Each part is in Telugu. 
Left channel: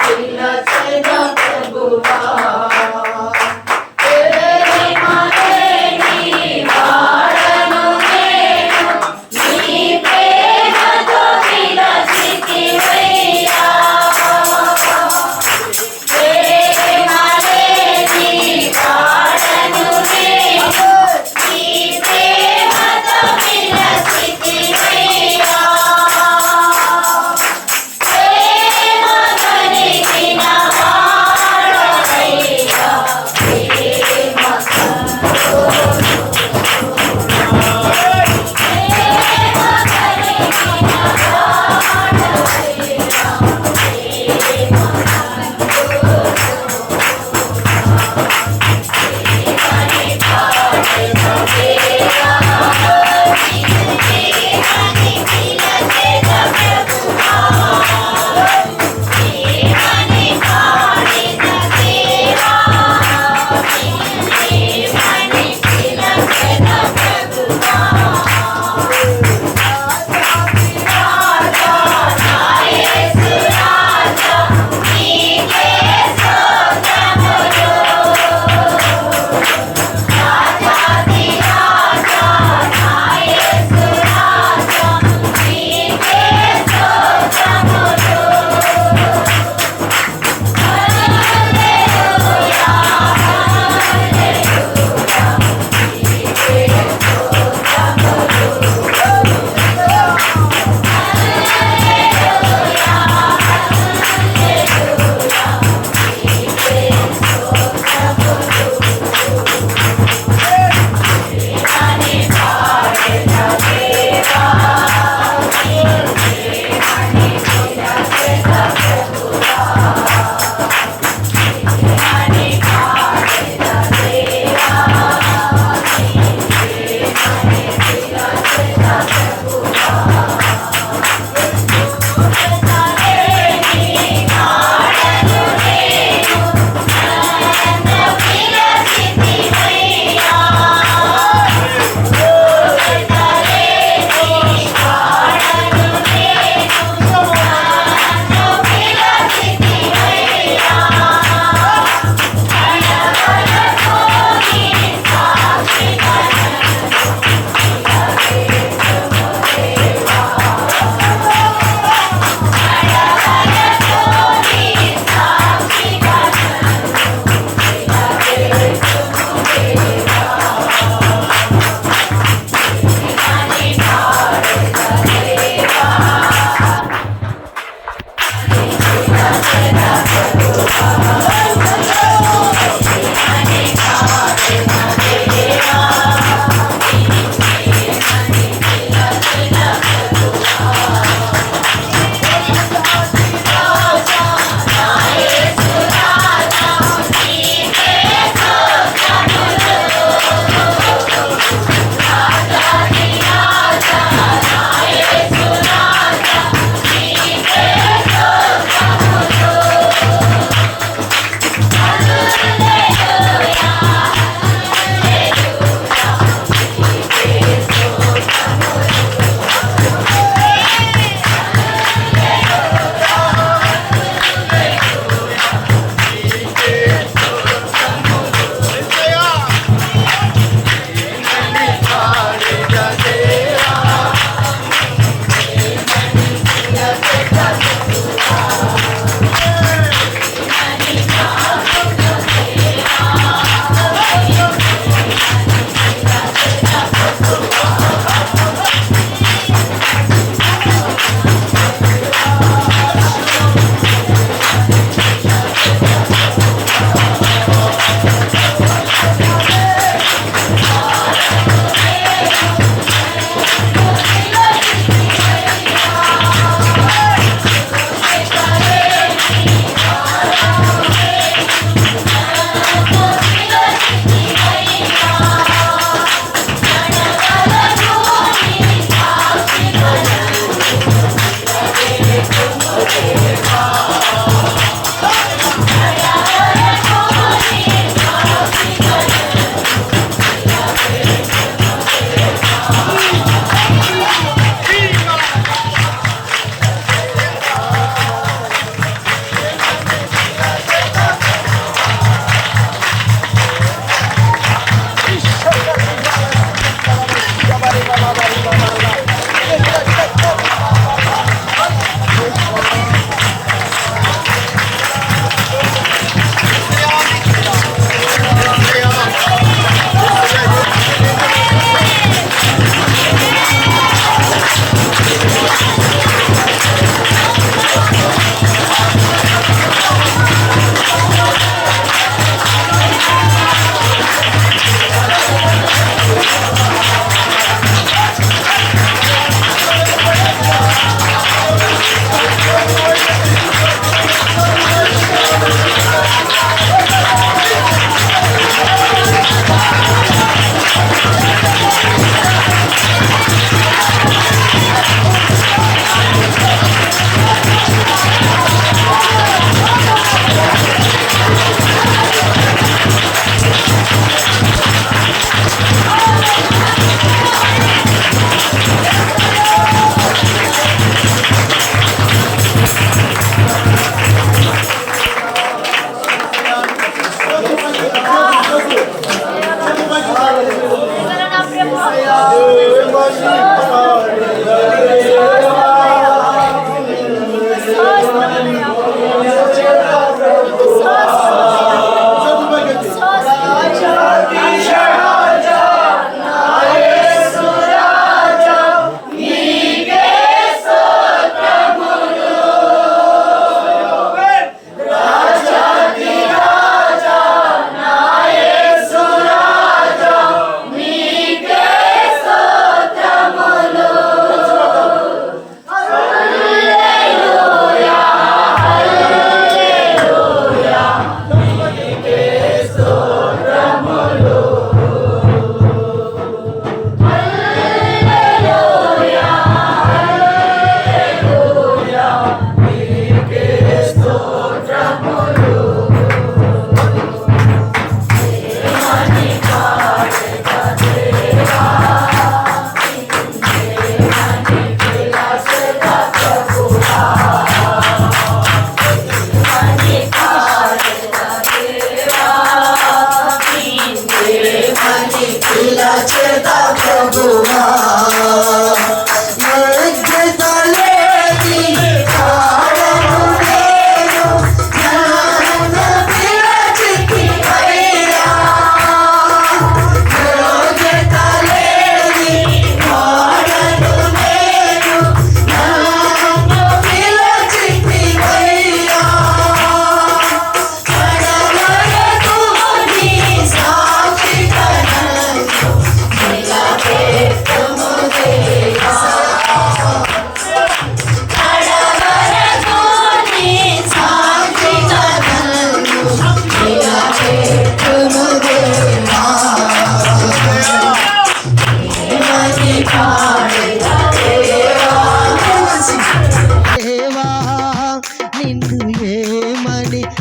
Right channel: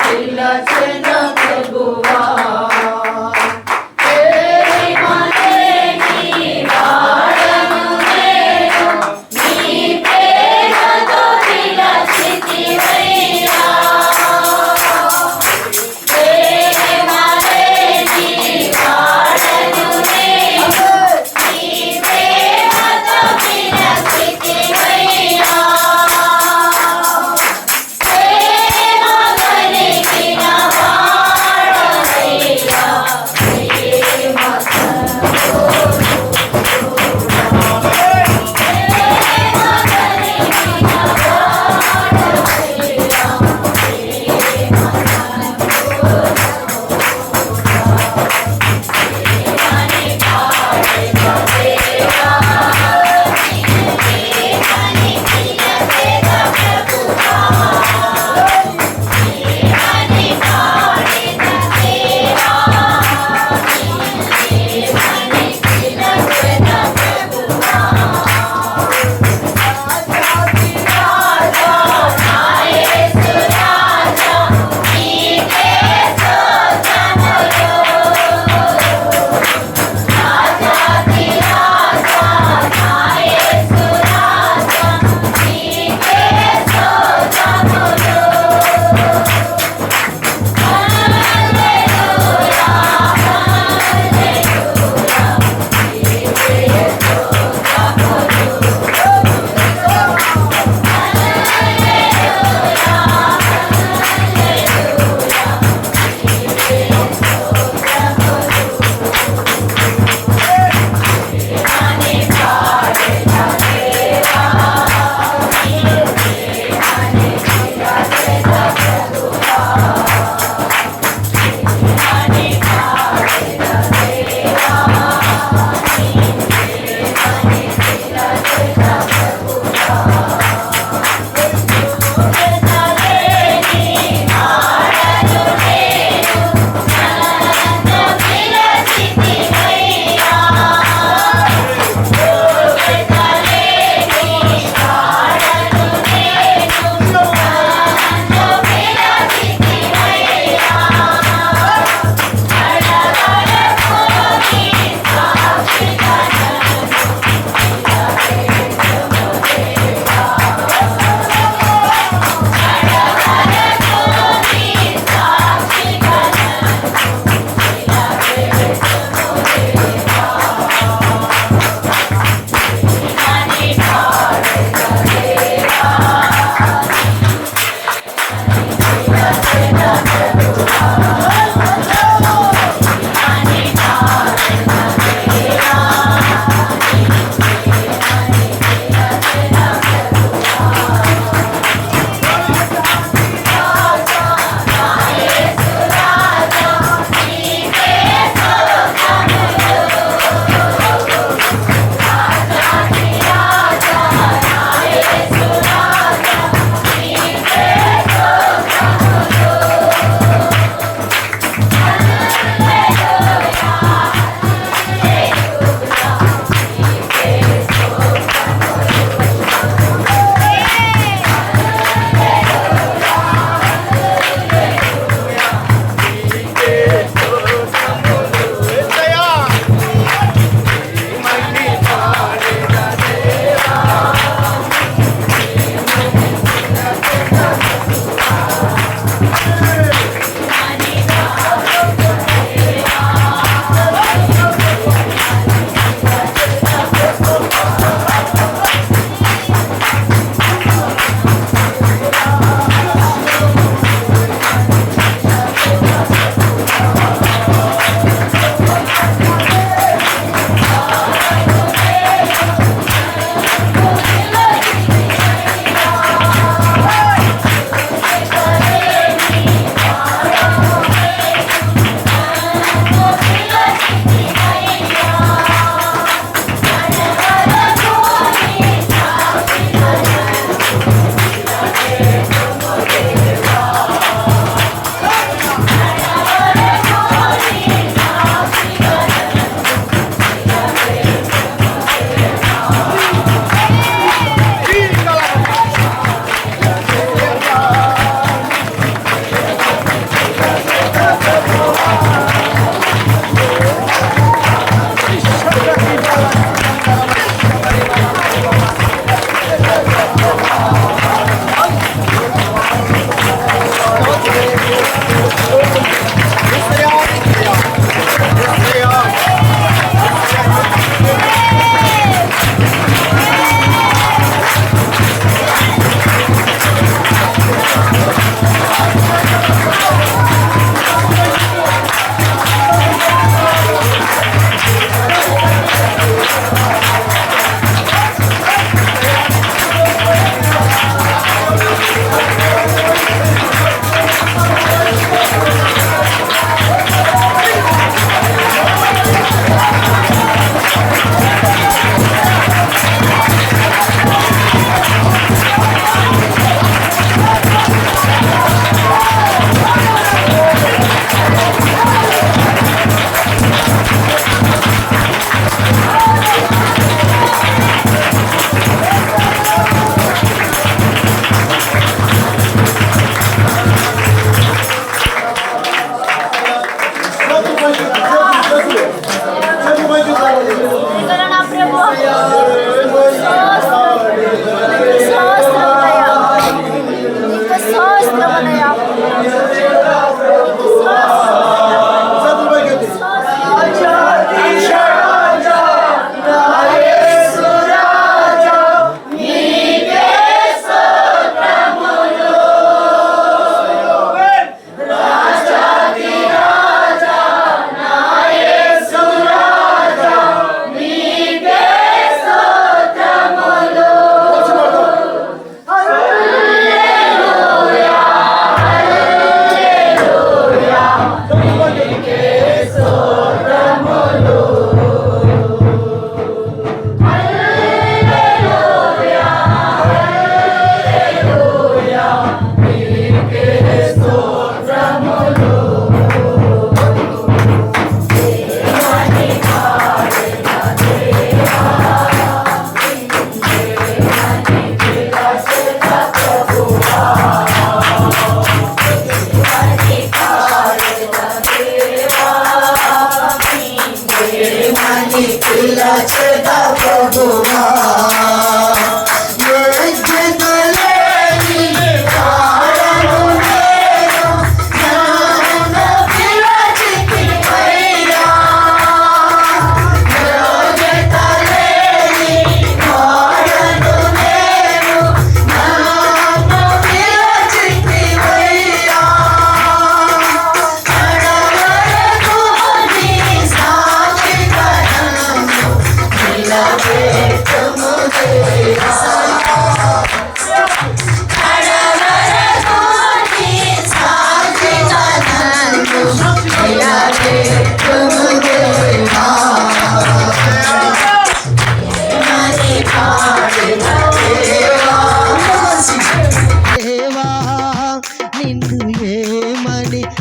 పిలచెద ప్రభువా Bye.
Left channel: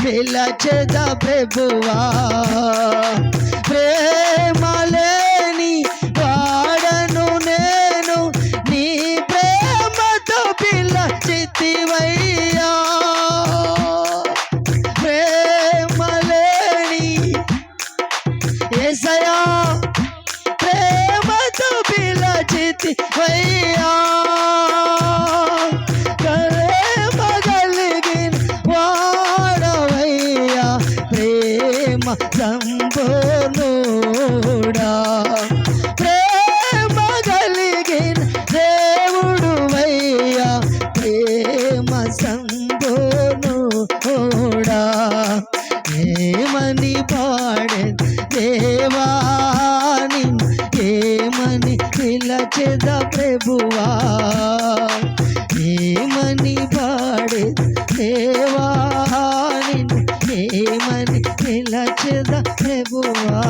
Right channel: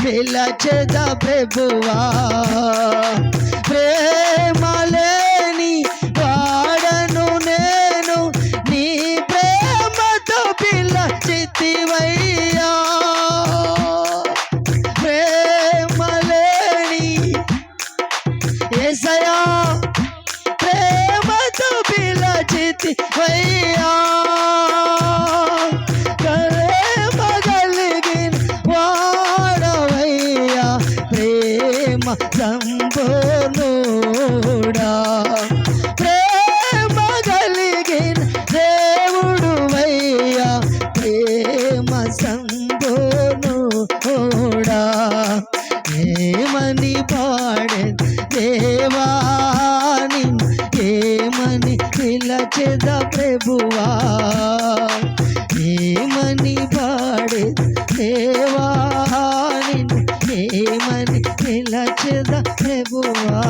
పిలచెద ప్రభువా. ప్రేమ లేని వాడను నేను, నీ ప్రేమతో పిలచితివయ్యా. ప్రేమ లేని యేసయ్యా, ప్రేమతో పిలచితివయ్యా. ప్రేమ కలిగిన వాడవయ్యా, ప్రేమ సంపూర్ణుడా. ప్రేమ కలిగిన దేవుడువయ్యా, ప్రేమ సంపూర్ణుడా. ఏమని పాడే దేవాని, ఏమని పిలచెద ప్రభువా. ఏమని పాడే దేవాని, ఏమని పిలచెద ప్రభువా.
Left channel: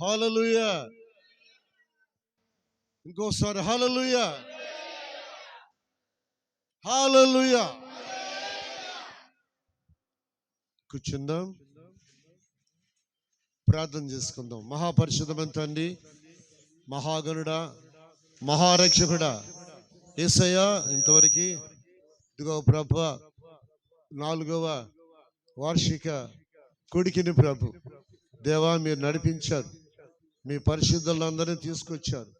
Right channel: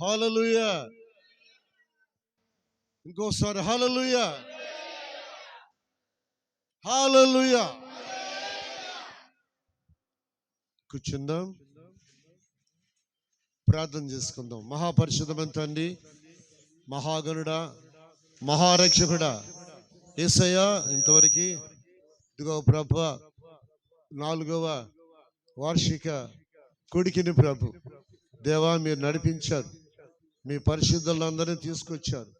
హల్లెలూయా. ఇంకోసారి హల్లెలూయా, హల్లెలూయా. కూర్చుందాం, ప్రార్థన చేసుకుందాం. మహాపరిశుద్ధమైన తండ్రి, మహాగణుడా, మహారక్షకుడా యేసయ్యా, ఇంతవరకు ఇదిగో ప్రభు 4వ వార్షిక కొడికిని ప్రభు దేవా మీరు నడిపించారు, మీ పరిశుద్ధులందరినీ తీసుకొచ్చారు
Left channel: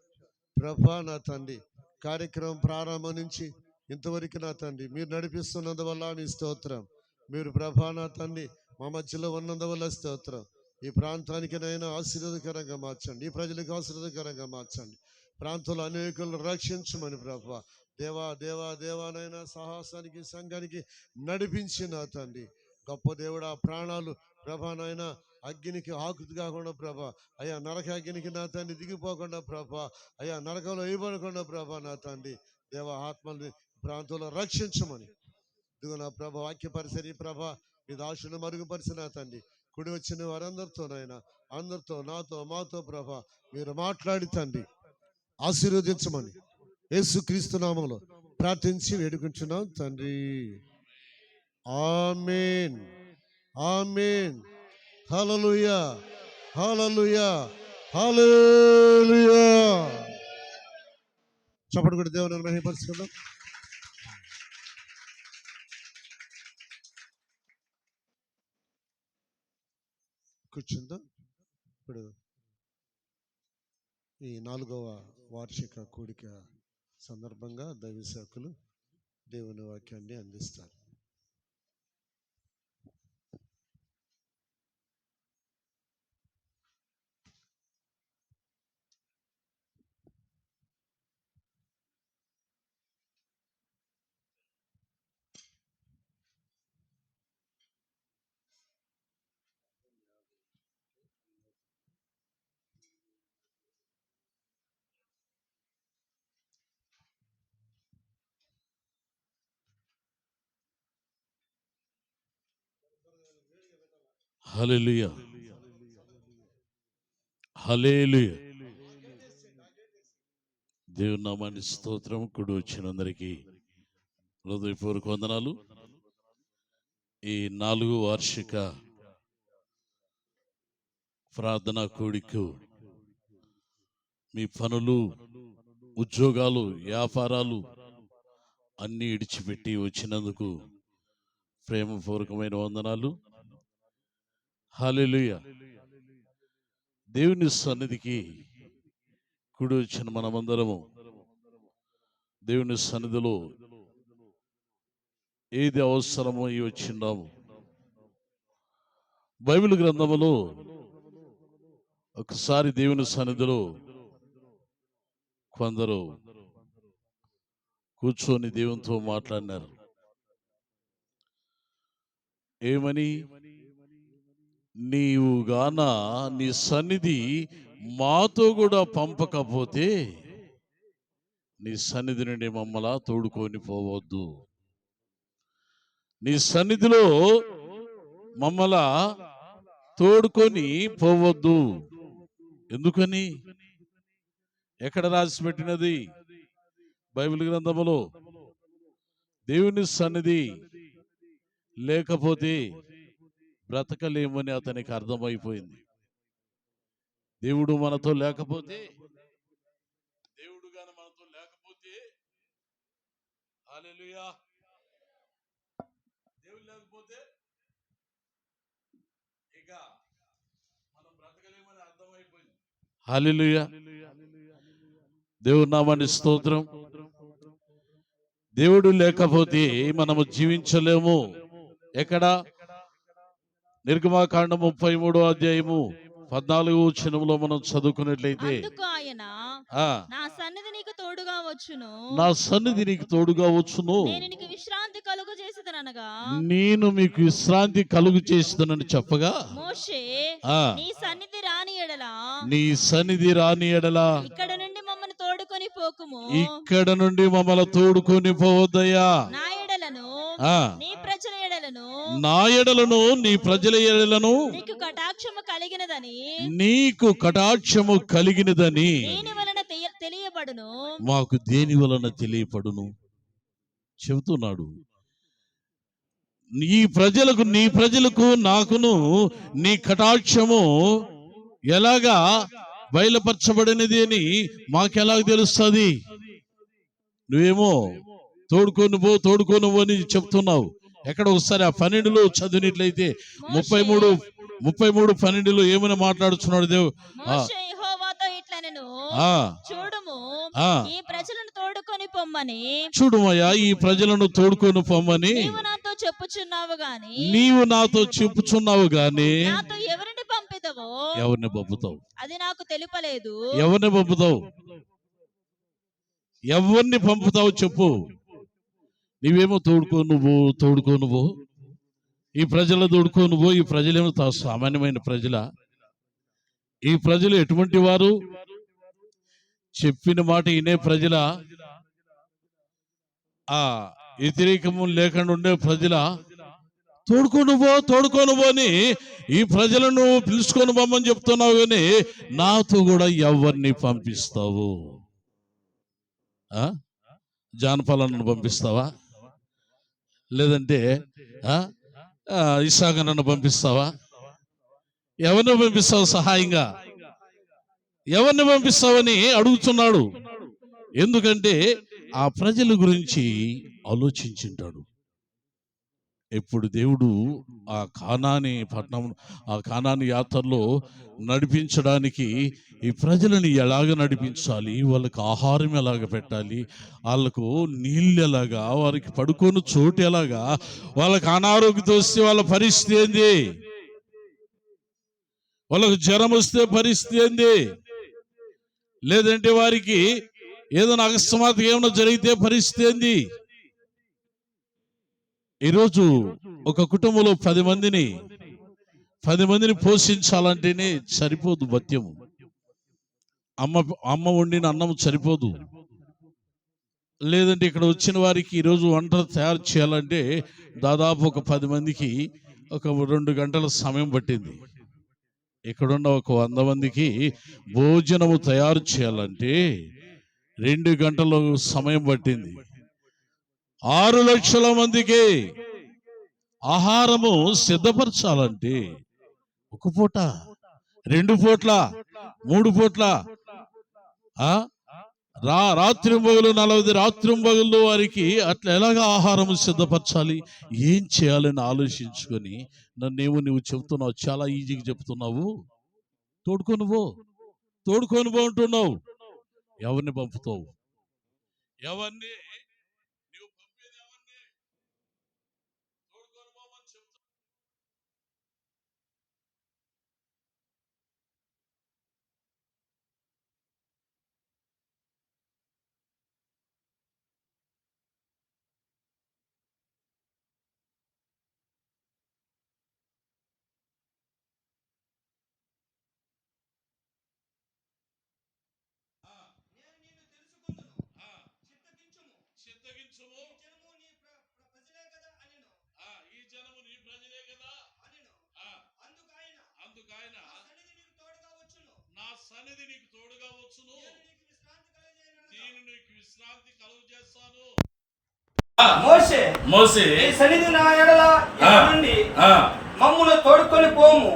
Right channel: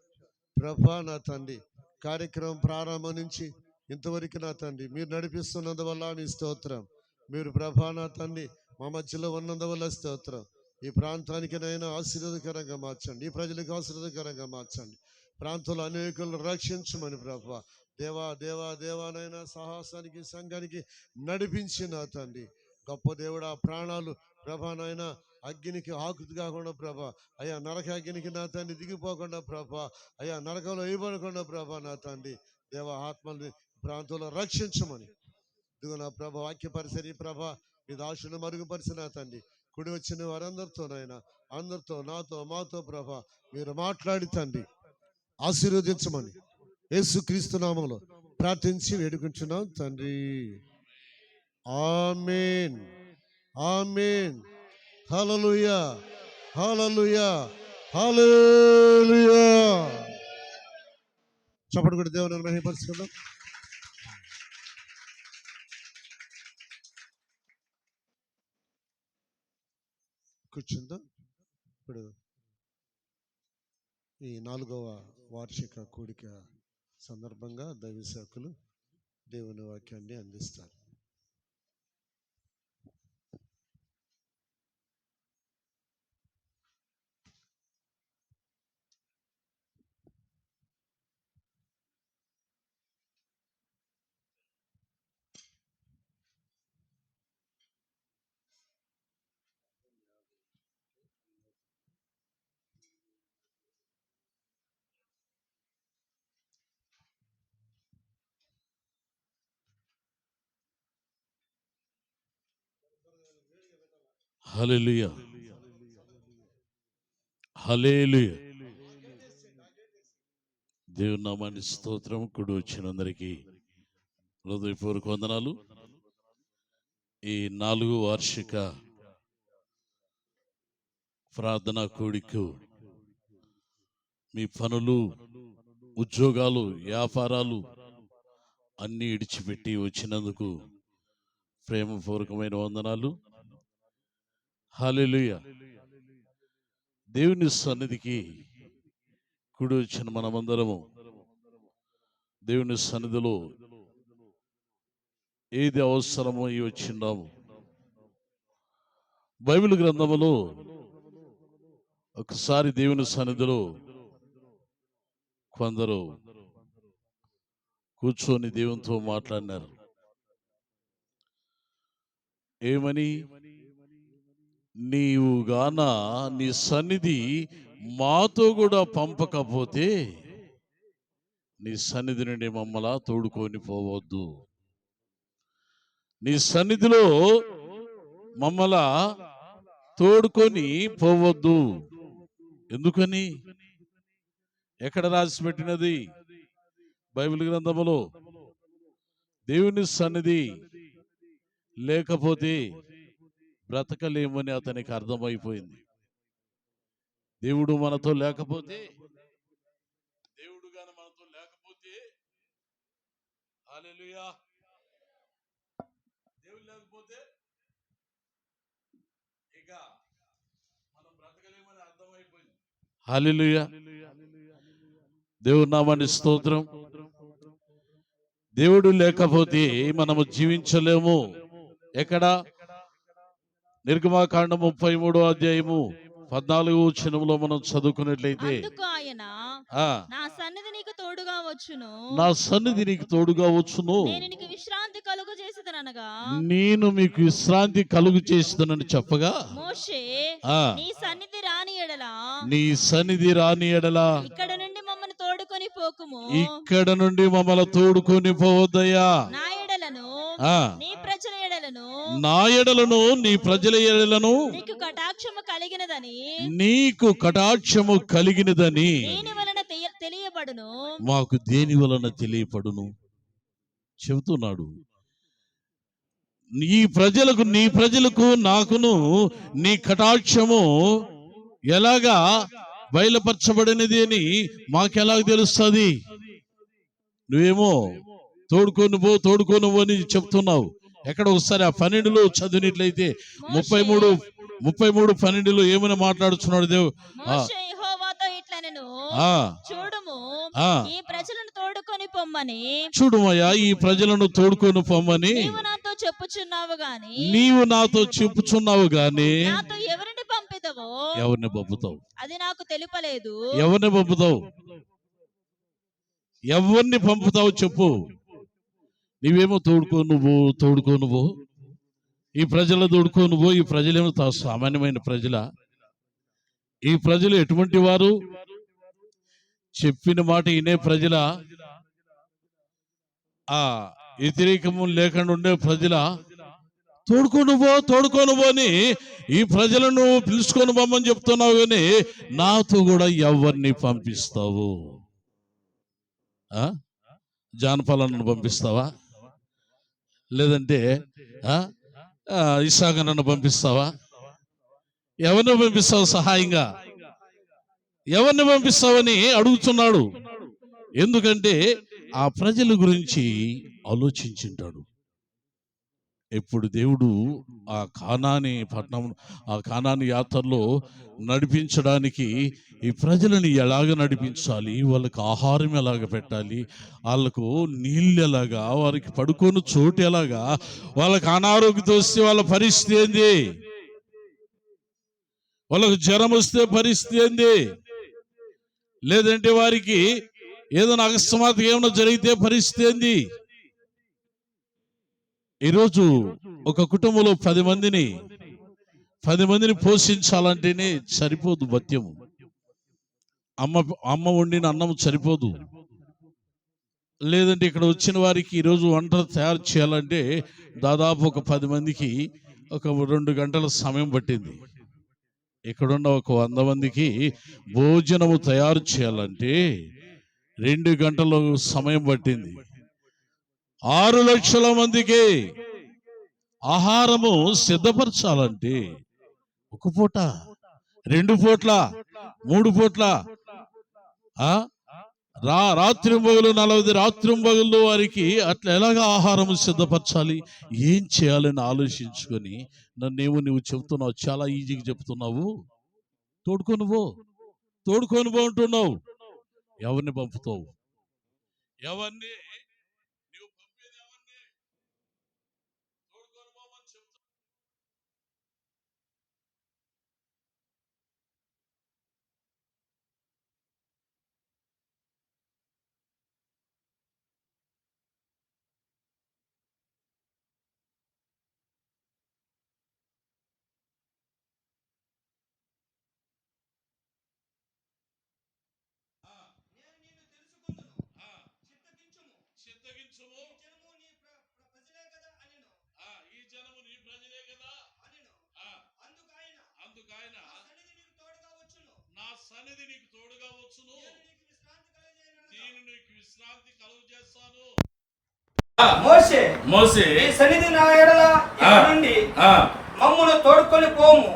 ప్రభా. నా తండ్రి, కార్యక్రమం ప్రారంభం నుంచి ఇంతవరకు నా తండ్రి మీరు నడిపిస్తున్నందువల్ల మీ స్తోత్రం. మీరు ప్రభా నా తండ్రి మా మధ్యలో ఉన్నందువల్ల స్తోత్రం. ఈ ప్రాంతానికి నైనా ఆశీర్వాదకరంగా మార్చండి, ఈ ప్రజలకు ఆశీర్వాదకరంగా మార్చండి. ప్రాంతంలో అనేకులను రక్షించమని ప్రభా. దేవా దేవా దేవానైనా సాహసానికి సంఘానికి నడిపించి నా తండ్రి గొప్ప దేవుడా. ప్రాణాలు ప్రభానైనా అగ్నికి ఆకుతి కాకుండా ప్రభా, అయ్యా నరక అగ్నికి నా తండ్రి దిగిపోకుండా ప్రభా, అయ్యా నరకంలో వేయబడకుండా ప్రభా నా తండ్రి దేవ ఆత్మల్ని ప్రాంతంలో రక్షించమని ఇదిగో నా ప్రభ వాక్య పరిసరి ప్రభా మీ దాసును మరుగుపరిచిన తండ్రి. కుడి వచ్చిన వారందరితోనైనా అందరితో నాతో మాతో ప్రభా మీరు మాట్లాడి తండ్రి ఆశీర్వదించమని యేసుక్రీస్తు నామములో ప్రార్థించి వేడుకుంటున్నాం తండ్రి. ఆమేన్, ఆమేన్. హల్లెలూయా, హల్లెలూయా, హల్లెలూయా. చప్పటి కొట్టి దేవుని మహిమపరుచుకుందాం. కూర్చుందాం. ఇప్పుడు ఈ 4వ వార్షిక కూడిక సందర్భంగా దైవ సేవకులు దేవుని వాక్యాన్ని అందిస్తారు. హల్లెలూయా, హల్లెలూయా. దేవుని నామానికి స్తోత్రం. కూడి వచ్చినందరికీ హృదయపూర్వక వందనాలు. ఈ 4వ వార్షిక ప్రార్థనా కూడికు మీ పనులు, ఉద్యోగాలు, వ్యాపారాలు అన్నీ ఇడిచిపెట్టి వచ్చినందుకు ప్రేమపూర్వకమైన వందనాలు. హల్లెలూయా. దేవుని సన్నిధికి కూడి వచ్చిన మనమందరము దేవుని సన్నిధిలో ఏది అవసరమో అయి వచ్చిన్నాము. బైబిల్ గ్రంథములో ఒకసారి దేవుని సన్నిధిలో కొందరు కూర్చొని దేవునితో మాట్లాడినారు. ఏమని? నీవు గాన నీ సన్నిధి మాతో కూడా పంపకపోతే నీ సన్నిధి నుండి మమ్మల్ని తోడుకొని పోవద్దు. నీ సన్నిధిలో మమ్మల్ని తోడుకొని పోవద్దు. ఎందుకని? ఎక్కడ రాసి పెట్టినది? బైబిల్ గ్రంథములో. దేవుని సన్నిధి లేకపోతే బ్రతకలేమని అతనికి అర్థమైపోయింది. దేవుడు మనతో లేకపోతే, దేవుడు గాని మనతో లేకపోతే, హల్లెలూయా, దేవుడు లేకపోతే ఇక మనం బ్రతకలేమని అర్థమైపోయింది. హల్లెలూయా, దేవుడి నామానికి స్తోత్రం. దేవుడు లేకపోతే మనము జీవించలేము. ఎక్కడ? నిర్గమాకాండం 33వ అధ్యాయము 14వ వచనంలో మనం చదువుకున్నట్లయితే, అందుకు ఆయన, నా సన్నిధి నీకు తోడుగా వచ్చును, నా సన్నిధి నీకు తోడుగా వచ్చును, నేను నీకు విశ్రాంతి కలుగు చేసేదనగా, నేను మీకు విశ్రాంతి కలుగు చేస్తానని చెప్పగా, మోషే, నీ సన్నిధి రాని ఎడల, నీ సన్నిధి రాని ఎడల ఇక్కడ నుండి మమ్మల్ని తోడుకొని పోకుము, ఇక్కడ నుండి మమ్మల్ని తోడుకొని పోవద్దయ్యా, నా ఎడలను, నీ ప్రజల ఎడలను, నా ఎడలను, నీ ప్రజల ఎడలను నీకు కటాక్షము కలిగినదని, నీకు కటాక్షము కలిగినదని దేని వలన తెలియబడును, మాకు దేని వలన తెలియపడును చెబుతున్నాడు. నీ ప్రజలకు నాకును నీ కటాక్షము ఎలాగా బయలుపరచబడినది అని మాకెలాగ తెలుస్తుంది? నువ్వేమో తోడుకోను అని చెప్తున్నావు. ఎక్కడ ఒకసారి ఆ 12లో చదివినట్లయితే 33:12 ఏమైనా మాట్లాడుతున్నాడు దేవుడు. మోషే యెహోవాతో ఇట్లనెను, చూడుము, ఈ ప్రజలను తోడుకొని పొమ్మని, చూడుమయ్యా, ఈ ప్రజలను తోడుకొని పొమ్మని నీవు నాతో చెప్పుచున్నావు గాని నాతో ఎవరిని పంపిదవో, ఎవరిని పంపుతావు? అది నాకు తెలుపలేదు. ఎవరిని పంపుతావు? ఎవరిని పంపుతావు చెప్పు. నీవేమో తోడుకో నువ్వు ఈ ప్రజలు తోడుకో నువ్వు. ఈ ప్రజలేమో సామాన్యమైన ప్రజల? ఈ ప్రజలు ఎటువంటి వారు? చెప్పిన మాట వినే ప్రజల? ఆ వ్యతిరేకము లేకుండా ఉండే ప్రజల? తోడుకో నువ్వు అని ఈ ప్రజలను పిలుచుకొని పోమని చెప్తున్నావు, కానీ నాతో కూడా ఎవరిని పంపిస్తావు? జానపాలను పంపిస్తావా? లేదంటే ఇసాగనన్ను పంపిస్తావా? ఎవరిని పంపిస్తావు సహాయంగా? ఎవరిని పంపిస్తావని అడుగుతున్నాడు. ఎందుకంటే ఆ ప్రజల గురించి ఆలోచించుంటాడు. ఎప్పుడు దేవుడు ఆ కానాని పట్టణం, ఆ కానాని యాత్రలో నడిపించడానికి ఈ ప్రజలను ఎలాగ నడిపించాలి, వాళ్ళకి ఆహారం ఎలాగ పెట్టాలి, వాళ్ళకు నీళ్ళు ఎలాగా, వారికి పడుకొని చోటు ఎలాగా, వాళ్ళకి అనారోగ్యత వస్తే వాళ్ళ పరిస్థితి ఏంది, వాళ్ళకు జ్వరం వస్తే పరిస్థితి ఏంది, లేదంటే వారికి ఏదైనా అకస్మాత్తుగా ఏమైనా జరిగితే పరిస్థితి ఏంది. ఈరోజు ఒక కుటుంబంలో 10 మందిని పోషించాలంటేనే సరిపోదు భత్యము. అమ్మ వండిన అన్నం సరిపోదు. లేదంటే ఇక్కడ వచ్చిన వారికి ఈరోజు వంట తయారు చేయాలంటే దాదాపు ఒక 10 మందికి ఒక 2 గంటల సమయం పట్టింది. ఇక్కడున్న ఒక 100 మందికి భోజనము తయారు చేయాలంటే 2 గంటల సమయం పట్టింది. 6 లక్షల మందికి ఆహారము సిద్ధపరచాలంటే 1 పూట, 2 పూట్ల, 3 పూట్ల, రాత్రింబగలు 40 రాత్రింబగళ్ళు వారికి అట్లా ఎలాగ ఆహారం సిద్ధపరచాలి, ఏం చేయాలని ఆలోచించుకొని నువ్వు చెబుతున్నావు, చాలా ఈజీగా చెప్తున్నావు. తోడుకొని పో అంటున్నావు. ఎవరిని పంపుతావు? ఎవరిని నువ్వు పంపేది? ఎవరిని తోడుకొని పోమని చెప్తావు? చిత్తగించుము, ఈ జనము నీ ప్రజలే కదా. అందుకాయన నా సన్నిధి నీకు తోడుగా వచ్చును, నేను నీకు విశ్రాంతి కలుగు చేస్తాను. మోసే ఈ సన్నిధి నా ఎడల నుండి మమ్మును తోడుకొని పోము.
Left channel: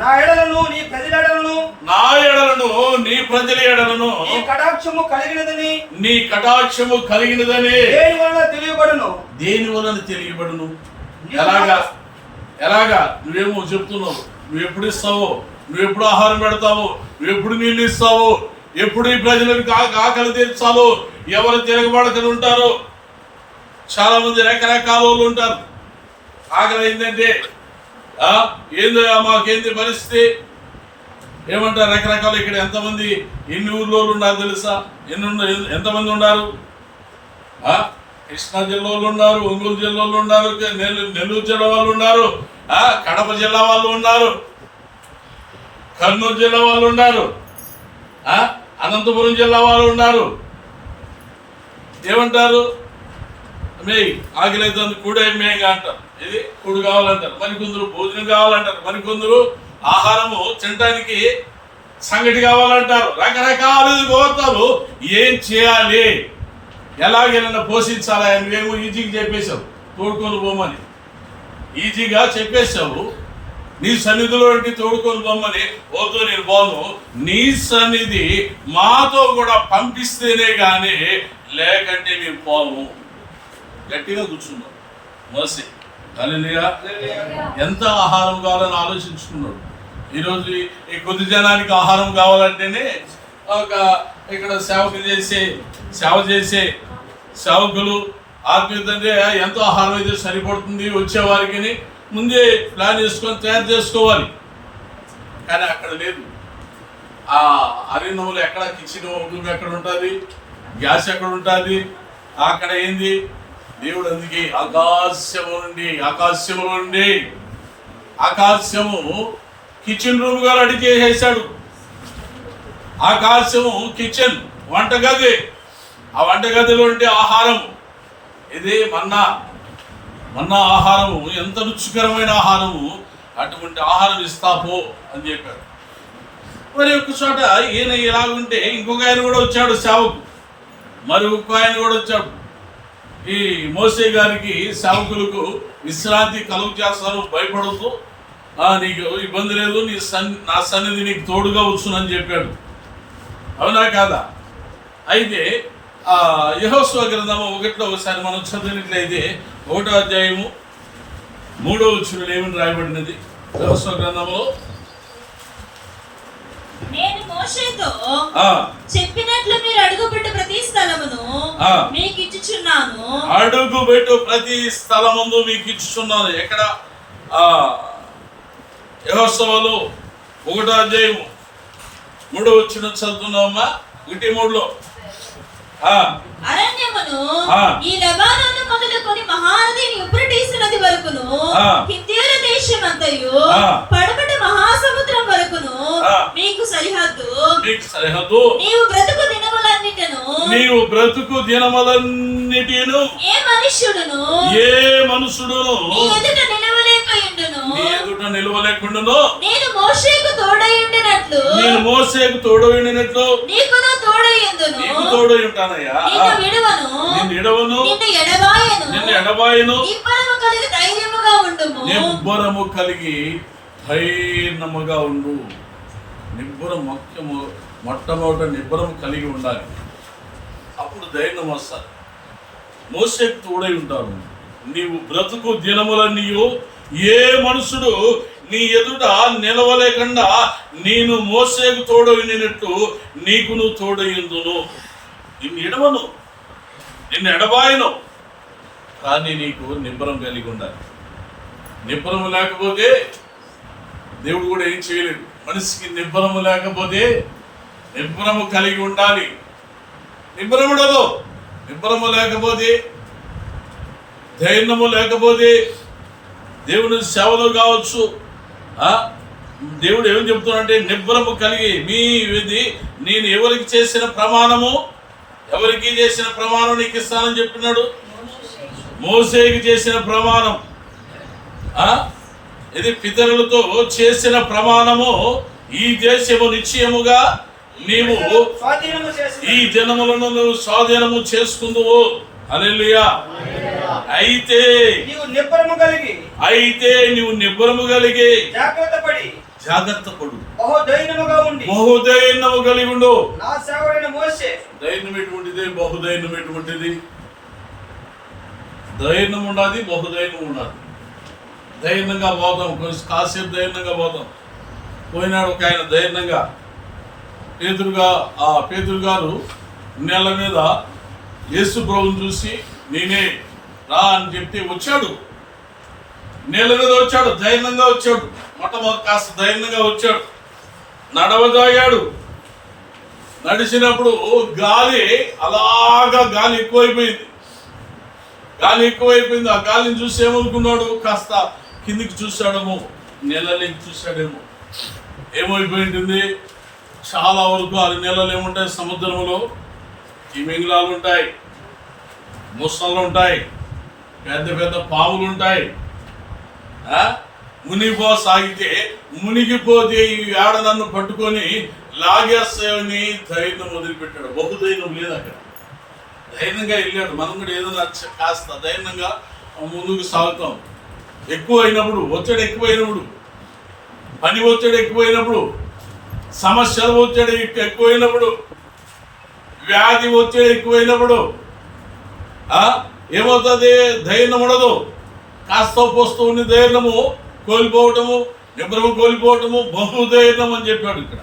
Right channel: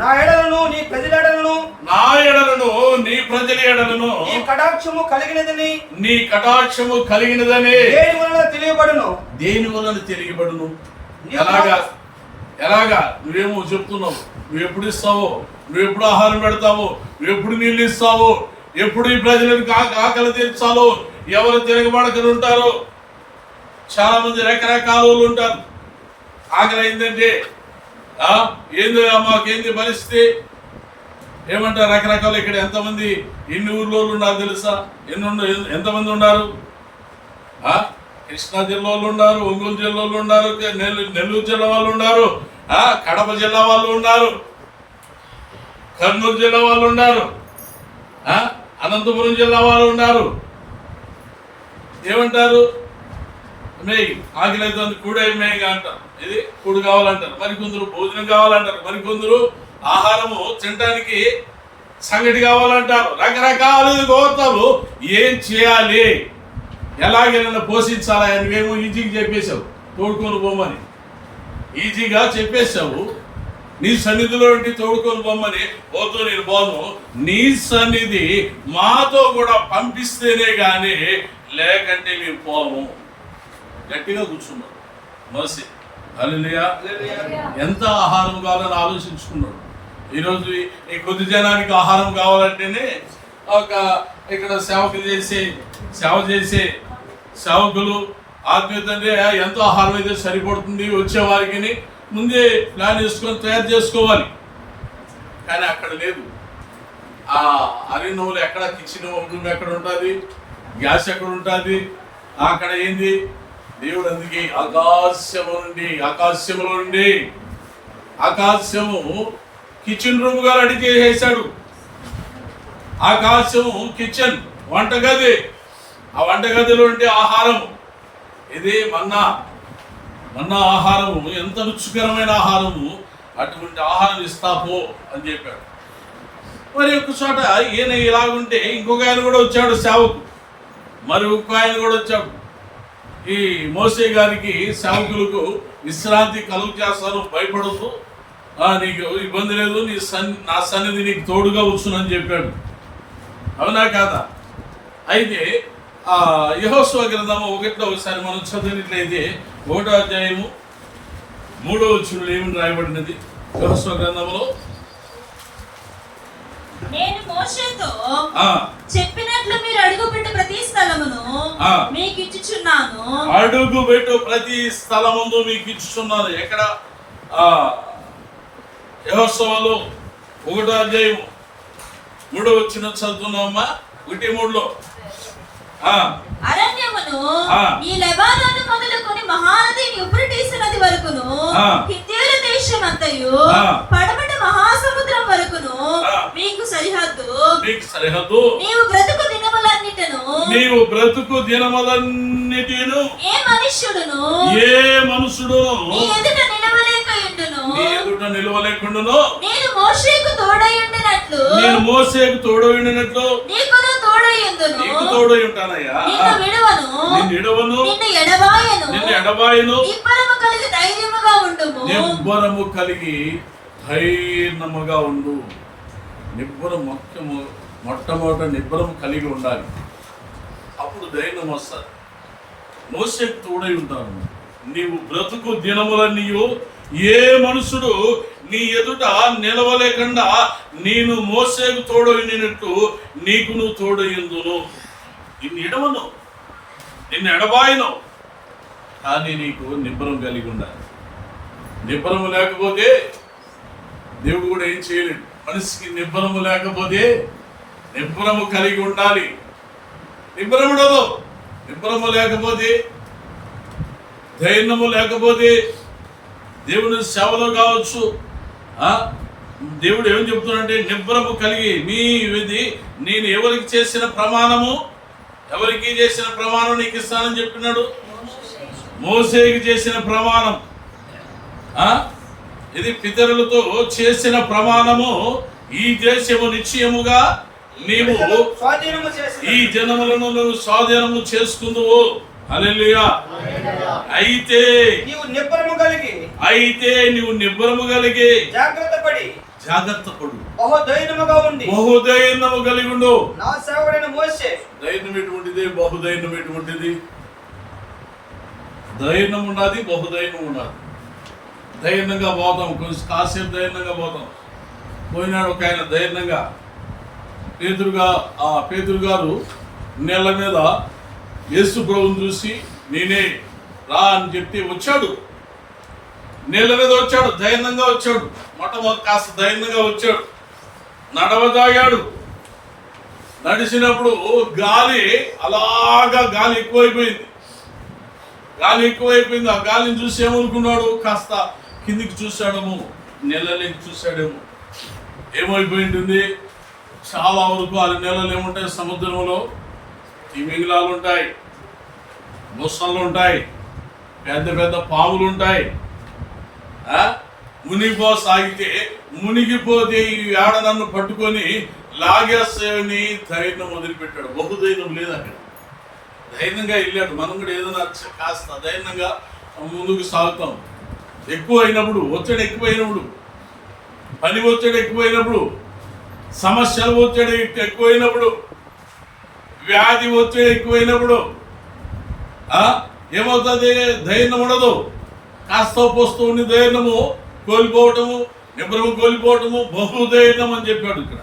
నా ఎడలను నీ ప్రజల ఎడలను నీ ప్రజల ఎడలను నీ కటాక్షము కలిగినదని దేని వలన తెలియబడును. ఎలాగా నువ్వేమో చెప్తున్నావు, నువ్వు ఎప్పుడు ఇస్తావో, నువ్వు ఎప్పుడు ఆహారం పెడతావో, నువ్వు ఎప్పుడు నీళ్ళు ఇస్తావో, ఎప్పుడు ఈ ప్రజలకు ఆకలి తీర్చాలో, ఎవరు తిరగబడకలు ఉంటారు. చాలా మంది రకరకాల వాళ్ళు ఉంటారు. ఆకలి అయిందంటే ఏందో మాకేంది పరిస్థితి ఏమంటారు రకరకాలు. ఇక్కడ ఎంతమంది ఎన్ని ఊర్లో ఉన్నారు తెలుసా? ఎంతమంది ఉన్నారు? కృష్ణా జిల్లా వాళ్ళు ఉన్నారు, ఒంగోలు జిల్లా వాళ్ళు ఉన్నారు, నెల్లూరు జిల్లా వాళ్ళు ఉన్నారు, కడప జిల్లా వాళ్ళు ఉన్నారు, కర్నూలు జిల్లా వాళ్ళు ఉన్నారు, అనంతపురం జిల్లా వాళ్ళు ఉన్నారు. ఏమంటారు? మేయ్ ఆకలి అవుతుంది, కూడే మేయిగా అంటారు. ఇది కూడు కావాలంటారు. మరికొందరు భోజనం కావాలంటారు. మరికొందరు ఆహారము తినడానికి సంగటి కావాలంటారు. రకరకాల కోరుతారు. ఏం చేయాలి, ఎలాగైనా పోషించాలా? నువ్వేమో ఈజీగా చెప్పేశావు, తోడుకొని పోమని ఈజీగా చెప్పేశావు. నీ సన్నిధిలో తోడుకొని పోమని. వద్దు, నేను పోను, నీ సన్నిధి మాతో కూడా పంపిస్తేనే కానీ లేకంటే మేము పోము. గట్టిగా కూర్చున్నాడు మోసే. హల్లెలూయా. ఎంత ఆహారం కావాలని ఆలోచించుకున్నాడు. ఈరోజు ఈ కొద్ది జనానికి ఆహారం కావాలంటేనే ఇక్కడ సేవ చేసే సేవకులు ఆత్మీయత అంటే ఎంతో ఆహారం అయితే సరిపడుతుంది వచ్చేవారికి ముందే ప్లాన్ చేసుకొని తయారు చేసుకోవాలి. కానీ అక్కడ లేదు. ఆ అరణ్యంలో ఎక్కడ కిచెన్ రూమ్ ఎక్కడ ఉంటుంది, గ్యాస్ ఎక్కడ ఉంటుంది, అక్కడ ఏంది దేవుడు. అందుకే ఆకాశము కిచెన్ రూమ్ గా రెడీ చేసేసాడు. ఆకాశము కిచెన్, వంటగది. ఆ వంటగదిలో ఉండే ఆహారము ఇది మన్నా ఆహారము. ఎంత రుచికరమైన ఆహారము. అటువంటి ఆహారం ఇస్తాపో అని చెప్పాడు. మరి ఒక చోట ఈయన ఇలాగుంటే ఇంకొక ఆయన కూడా వచ్చాడు సేవకు. మరి ఇంకొక ఆయన కూడా వచ్చాడు. ఈ మోసే గారికి సేవకులకు విశ్రాంతి కలుగు చేస్తాను, భయపడద్దు, నీకు ఇబ్బంది లేదు, నా సన్నిధి నీకు తోడుగా వచ్చునని చెప్పాడు. అవునా కాదా? అయితే యెహోషువ గ్రంథము 1లో ఒకసారి మనం చదివినట్లయితే 1వ అధ్యాయము 3వ వచనంలో ఏమని రాయబడినది? యెహోషువ గ్రంథంలో నేను మోషేతో చెప్పినట్లు మీరు అడుగుపెట్టు ప్రతి స్థలమును మీకు ఇచ్చుచున్నాను. అడుగుపెట్టు ప్రతి స్థలమును మీకు ఇచ్చుచున్నాను. ఎక్కడ? యెహోషువలో 1వ అధ్యాయము 3వ వచనం చదువుతున్నామా? 1:3లో అరణ్యమును ఈ లెబానోను మొదలుకొని మహానది యూఫ్రటీసు నది వరకును హిత్తీయుల దేశమంతయు పడమట మహాసముద్రం వరకును మీకు సరిహద్దు. నీవు బ్రతుకు దినములన్నిటిను ఏ మనుష్యుడును నీ ఎదుట నిలవలేకుండును. నేను మోషేకు తోడయుండినట్లు నీకు తోడై ఉంటానయ్యా. నిన్ను ఎడవను, నిన్ను ఎడబాయను. నిబ్బరము కలిగి ధైర్యముగా ఉండు. మొట్టమొదట నిబ్బరము కలిగి ఉండాలి. అప్పుడు ధైర్యం వస్తుంది. మోషేకు తోడై ఉంటాను. నీవు బ్రతుకు దినములన్నీయు ఏ మనుషుడు నీ ఎదుట నిలవలేకుండా నేను మోసేకు తోడైనట్టు నీకును తోడయుందును. నిన్ను ఎడవను, నిన్ను ఎడబాయను. కానీ నీకు నిబ్బరం కలిగి ఉండాలి. నిబ్బరము లేకపోతే దేవుడు కూడా ఏం చేయలేడు. మనిషికి నిబ్బరము లేకపోతే నిబ్బరము కలిగి ఉండాలి. నిబ్బరముడదు. నిబ్బరము లేకపోతే, ధైర్యము లేకపోతే దేవుని సేవలో కావచ్చు. దేవుడు ఏమని చెప్తున్నాడంటే నిబ్బరము కలిగి నేను ఎవరికి చేసిన ప్రమాణము నీకు ఇస్తానని చెప్పినాడు. మోసేకి చేసిన ప్రమాణం, ఇది పితరులతో చేసిన ప్రమాణము ఈ దేశము నిశ్చయముగా నీవు స్వాధీనము చేసి ఈ జనములను నువ్వు స్వాధీనము చేసుకుందువు. హల్లెలూయా. అయితే నీవు నిబ్బరము కలిగి జాగ్రత్త పడు, బహుదైన్యము కలిగి ఉండు. నా సేవకుడైన మోషే. ధైర్యం ఎటువంటిది? బహుదైన్యం ఎటువంటిది? ధైర్యం ఉండాలి, బహుదైన్యం ఉండాలి. ధైర్యంగా పోతాం, కొంచెం కాసేపు ధైర్యంగా పోతాం. పోయినాడు ఒక ఆయన ధైర్యంగా పేతురు గారు నెల మీద యేసు ప్రభువుని చూసి నేనే రా అని చెప్పి వచ్చాడు. నీళ్ళ మీద వచ్చాడు, ధైర్యంగా వచ్చాడు. మొట్టమొదటి కాస్త ధైర్యంగా వచ్చాడు, నడవదాగాడు. నడిచినప్పుడు గాలి ఎక్కువైపోయింది. ఆ గాలిని చూసి ఏమనుకున్నాడు? కాస్త కిందికి చూశాడేమో, నెలలోకి చూశాడేమో. ఏమైపోయింటుంది? చాలా వరకు 6 నెలలు ఏముంటాయి? సముద్రంలో తిమింగలాలు ఉంటాయి, ముసళ్ళు ఉంటాయి, పెద్ద పెద్ద పాములు ఉంటాయి. మునిగిపోసాగితే మునిగిపోతే ఈ ఆడ నన్ను పట్టుకొని లాగేస్తాయని ధైర్యం వదిలిపెట్టాడు. బహుధైర్యం లేదు అక్కడ. ధైర్యంగా వెళ్ళాడు. మనం కూడా ఏదైనా కాస్త ధైర్యంగా ముందుకు సాగుతాం. ఒత్తిడి ఎక్కువైనప్పుడు, పని ఒత్తిడి ఎక్కువైనప్పుడు, సమస్యల ఒత్తిడి ఎక్కువైనప్పుడు, వ్యాధి ఒత్తిడి ఎక్కువైనప్పుడు ఏమవుతుంది? ధైర్యం ఉండదు. కాస్త పోస్తూ ఉండి ధైర్యము కోల్పోవటము, నిబ్రము కోల్పోవటము, బహుధైర్యం అని చెప్పాడు ఇక్కడ.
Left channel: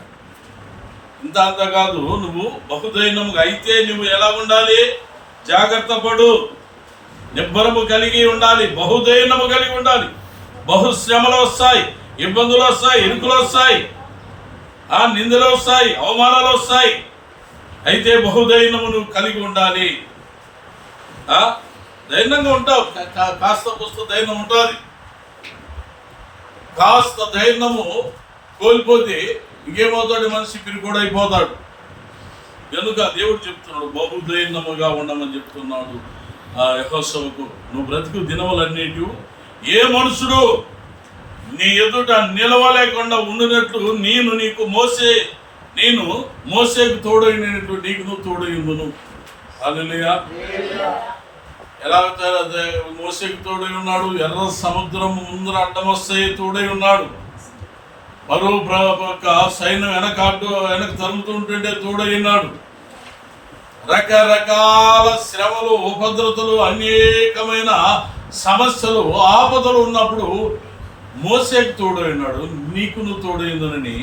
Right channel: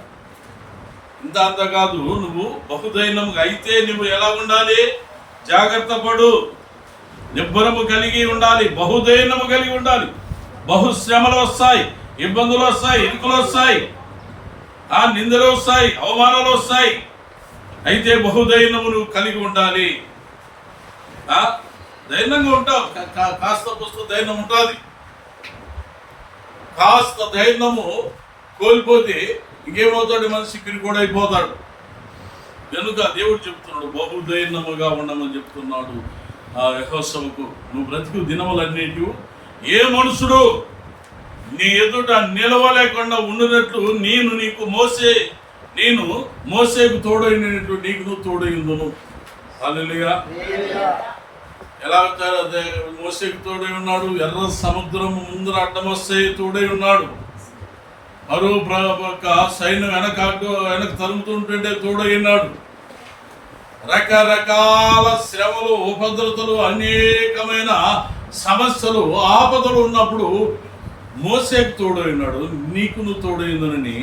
అంత కాదు, నువ్వు బహుధైర్యముగా అయితే నువ్వు ఎలా ఉండాలి? జాగ్రత్త పడు, నిబ్బరము కలిగి ఉండాలి, బహుధైర్యము కలిగి ఉండాలి. బహుశ్రమలు వస్తాయి, ఇబ్బందులు వస్తాయి, ఇరుకులు వస్తాయి, నిందలు వస్తాయి, అవమానాలు వస్తాయి. అయితే బహుధైర్యము నువ్వు కలిగి ఉండాలి. ధైర్యంగా ఉంటావు. కాస్త పుస్తక ధైర్యం ఉంటుంది. కాస్త ధైర్యము కోల్పోతే ఇంకేమవుతాడు? మనిషి పిరికోడైపోతాడు. కనుక దేవుడు చెప్తున్నాడు, బహుధైర్యముగా ఉండమని చెప్తున్నాడు యెహోషువకు. నువ్వు బ్రతుకు దినములన్నిటి ఏ మనుషుడు నీ ఎదుట నిలవలేకుండా ఉండినట్లు నేను మోసేకు తోడైనట్లు నీకు నువ్వు తోడైందును. హల్లెలూయా. ఎలా మోసేకు తోడై ఉన్నాడు? ఎర్ర సముద్రం ముందర అడ్డం వస్తే తోడై ఉన్నాడు. మరో సైన్యం వెనక తరుముతుంటే తోడై ఉన్నాడు. రకరకాల శ్రమలు, ఉపద్రతలు, అనేకమైన సమస్యలు, ఆపదలు ఉన్నప్పుడు మోసేకు తోడై ఉన్నాడు. నీకు నువ్వు తోడైందని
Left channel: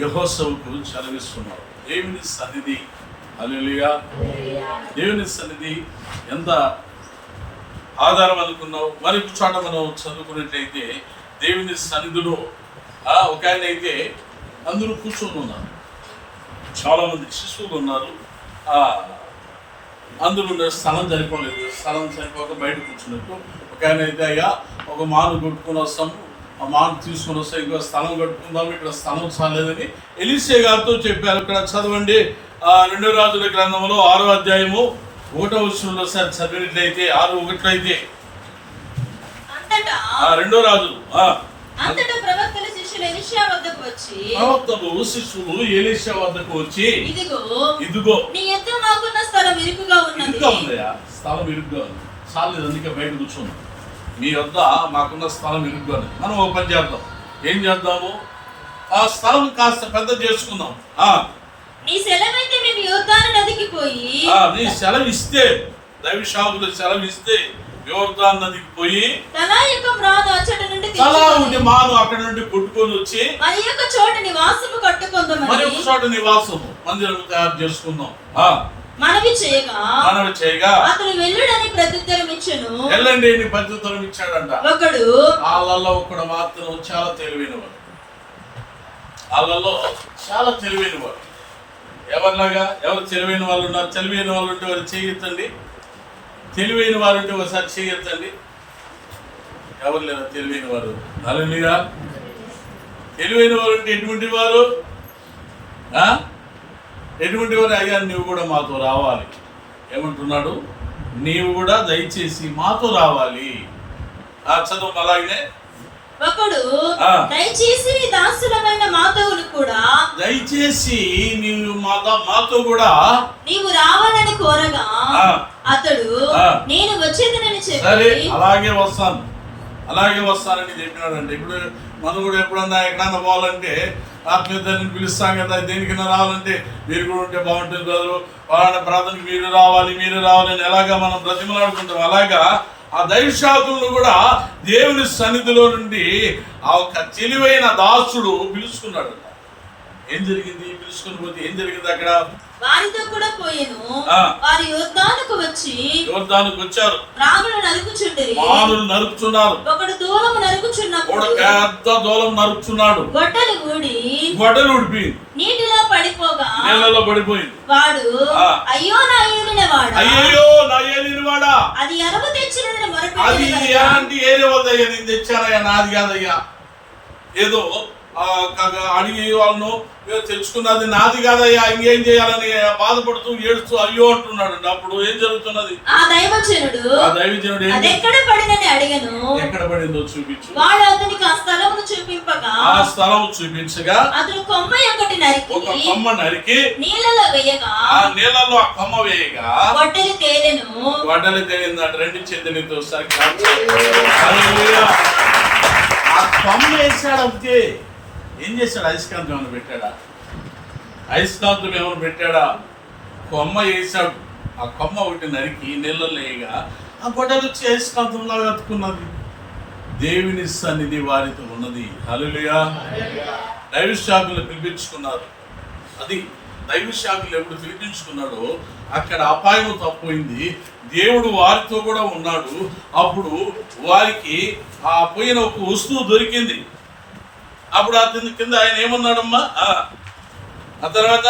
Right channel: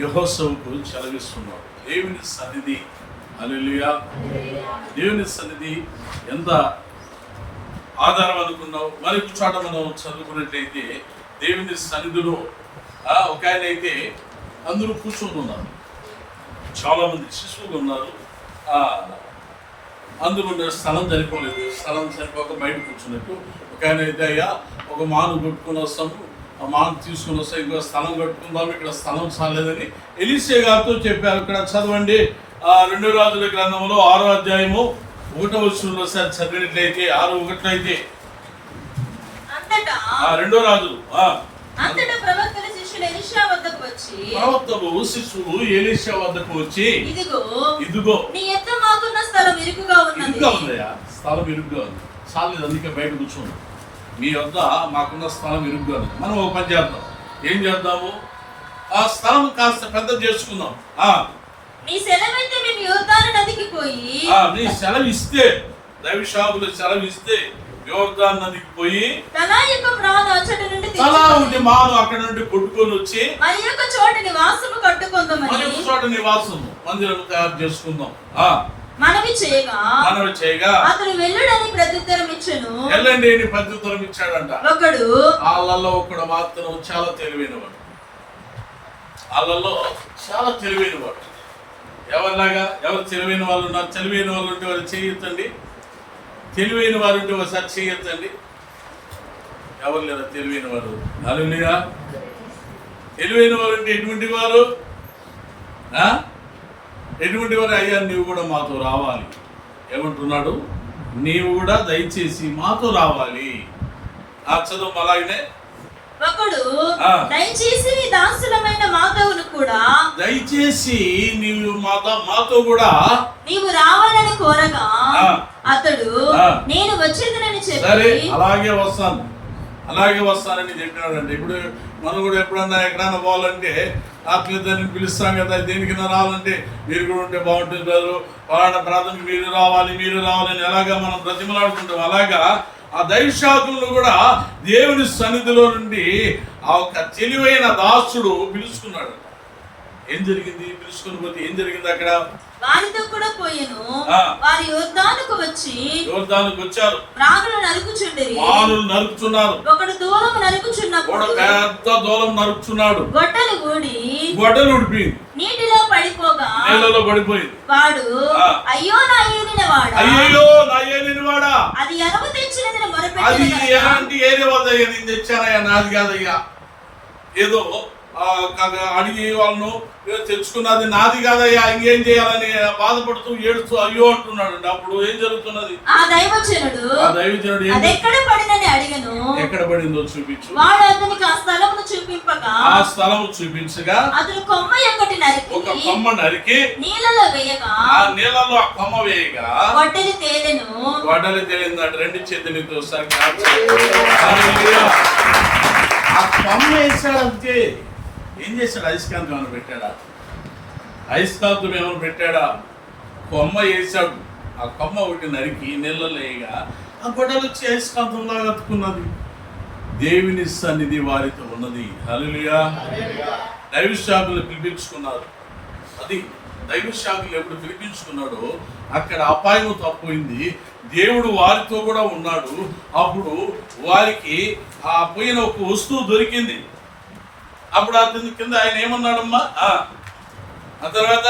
యెహోషువకు చదివిస్తున్నాడు. దేవుని సన్నిధి, హల్లెలూయా. దేవుని సన్నిధి ఎంత ఆధారం అనుకున్నావు. మరి చోట మనం చదువుకున్నట్లయితే దేవుని సన్నిధిలో ఒక ఆయన అయితే అందరూ కూర్చొని ఉన్నారు. చాలామంది శిశువులు ఉన్నారు. అందులో స్థలం సరిపోక బయట కూర్చున్నట్టు ఒక ఆయన అయితే, అయ్యా ఒక మాను కొట్టుకొని వస్తాము, ఆ మాను తీసుకొని వస్తాం, ఇంకో స్థలం కట్టుకుందాము, ఇక్కడ స్థలం చాలేదని ఎలీషా గారితో చెప్పారు. ఇక్కడ చదవండి, 2 రాజుల గ్రంథంలో 6వ అధ్యాయము 1వ వచనంలో సార్ చదివినట్లయితే 6:1 అయితే 2 రాజులు. ప్రవక్తలు శిష్యులు ఎలీషా వద్దకు వచ్చి ఇదిగో నీ యొద్ద మాకున్న స్థలం ఇరుకుగా ఉందయ్యా, స్థలం ఇరుగ్గా ఉంది, చాలేదు, అందుకే బయట కూర్చోండి, మీ వద్ద మాకున్న స్థలం ఇరుగ్గా ఉంది. మనం ఒక పని చేద్దాం. ఏం చేద్దాము? ఆ స్థలం కాస్త పెద్ద చేసుకుందాం. నీ సెలవైతే మేము యోర్దాను నదికి పోయి, నీ సెలవిస్తే, దైవశాఖలు సెలవిస్తే యోర్దాను నదికి పోయి తలా మాను అక్కడ నుండి కొట్టుకొని వచ్చి మరి ఒక చోట నివాసము మందిరం తయారు చేసుకుందాం మనవి చేయగా అతడు వెళ్ళుడని ప్రత్యుత్తరం ఇచ్చెను. వెళ్ళండి అని ప్రత్యుత్తరం ఇచ్చాడంట. వాళ్ళలో ఒకడు మాత్రం చాలా తెలివైనవాడు. ఎవరిలాగా? ఎవరు తెలివైన వాళ్ళు ఉన్నారు? తెలివైన వాళ్ళు ఉంటే వారు చేయొద్దండి. తెలివైన వారు ఉంటే ఒకసారి చేయొద్దండి. ఎవరు లేరు తెలివైన వారు? హల్లెలూయా. తెలివైన వారు అంటే ఎటువంటి వారు? అయ్యా నీవు కూడా మాతో రావాలి. ఏమంటున్నాడు? నీవు కూడా దయచేసి మాతో రావాలి. చదువు అలాగనే ఒకడు ఆ. దయచేసి నీ దాసులమైన మాతోను కూడా దయచేసి నీవు మాతో కూడా నీవు రావాలని కోరగా ఆ. అతడు ఆ. నేను వచ్చేదనని సరే చెప్పి అలాగే వస్తానని చెప్పినాడంటే ఇప్పుడు మనం కూడా ఎప్పుడన్నా ఎక్కడన్నా పోవాలంటే ఆత్మీయతని పిలుస్తాం కదా, దేనికైనా రావాలంటే మీరు కూడా ఉంటే బాగుంటుంది బ్రదరు, పలానా ప్రార్థనకి మీరు రావాలి అని ఎలాగా మనం బ్రతిమలాడుకుంటాం, అలాగా ఆ దైవశాఖలను కూడా దేవుని సన్నిధిలో నుండి ఆ ఒక తెలివైన దాసుడు పిలుచుకున్నాడు. ఏం జరిగింది? పిలుచుకుని పోతే ఏం జరిగింది? అక్కడ వారితో కూడా పోయెను. ఆ. వారు యోర్దానుకు వచ్చారు, రాములు నరుకుచుండిరి. మానులు నరుకుతున్నారు, ఒకడు దూరం నరుకుచున్నప్పుడు పెద్ద దూలం నరుకుతున్నాడు, గొడ్డలు ఉడిపి నీటిలో పడిపోగా నీళ్ళలో పడిపోయింది. వాడు ఆ. అయ్యో నా ఏలిన వాడా అది ఎరవు తెచ్చినదని అది మొరపెట్టెను గనుక, ఎలాంటి ఏరి వద్దయ్యా, నేను తెచ్చానయ్యా, నాది కాదయ్యా, ఏదో అడిగి వాళ్ళను తెచ్చుకున్నది నాది కాదయ్యా, ఇంకేం చేయాలని బాధపడుతూ ఏడుస్తూ అయ్యో అంటున్నాడు. అప్పుడు ఏం జరుగుతున్నది? ఆ దైవజనుడు ఏం ఎక్కడ పడినని అడిగను. ఎక్కడ పడిందో చూపించు. వాడు అతనికి ఆ స్థలమును చూపింపగా ఆ స్థలం చూపించగా అతను కొమ్మ ఒకటి ఒక కొమ్మ నరికి నీళ్ళలో వేయగా ఆ నీళ్ళలో ఆ కొమ్మ వేయగా గొడ్డలి తేలెను. గొడ్డలి తేలిందంట. రెండు చేతులతో ఒకసారి క్లాప్ చేయండి. హల్లెలూయా. ఆ కొమ్మ వేసాడు అంతే. ఏం చేశాడు? అయస్కాంతం ఏమైనా పెట్టాడా? అయస్కాంతం ఏమైనా పెట్టాడా? కొమ్మ వేసాడు. ఆ కొమ్మ ఒకటి నరికి నీళ్ళలో వేయగా ఆ గొడ్డలు వచ్చి అయస్కాంతంలాగా అతుకున్నది. దేవుని సన్నిధి వారితో ఉన్నది. హల్లెలూయా. దైవ శాఖలు పిలిపించుకున్నారు. అది దైవ శాఖలు ఎప్పుడు పిలిపించుకున్నాడో అక్కడ అపాయము తప్పోయింది. దేవుడు వారితో కూడా ఉన్నాడు. అప్పుడు వారికి ఆ పోయిన ఒక వస్తువు దొరికింది. అప్పుడు అతని కింద ఆయన ఏమన్నాడమ్మా? ఆ తర్వాత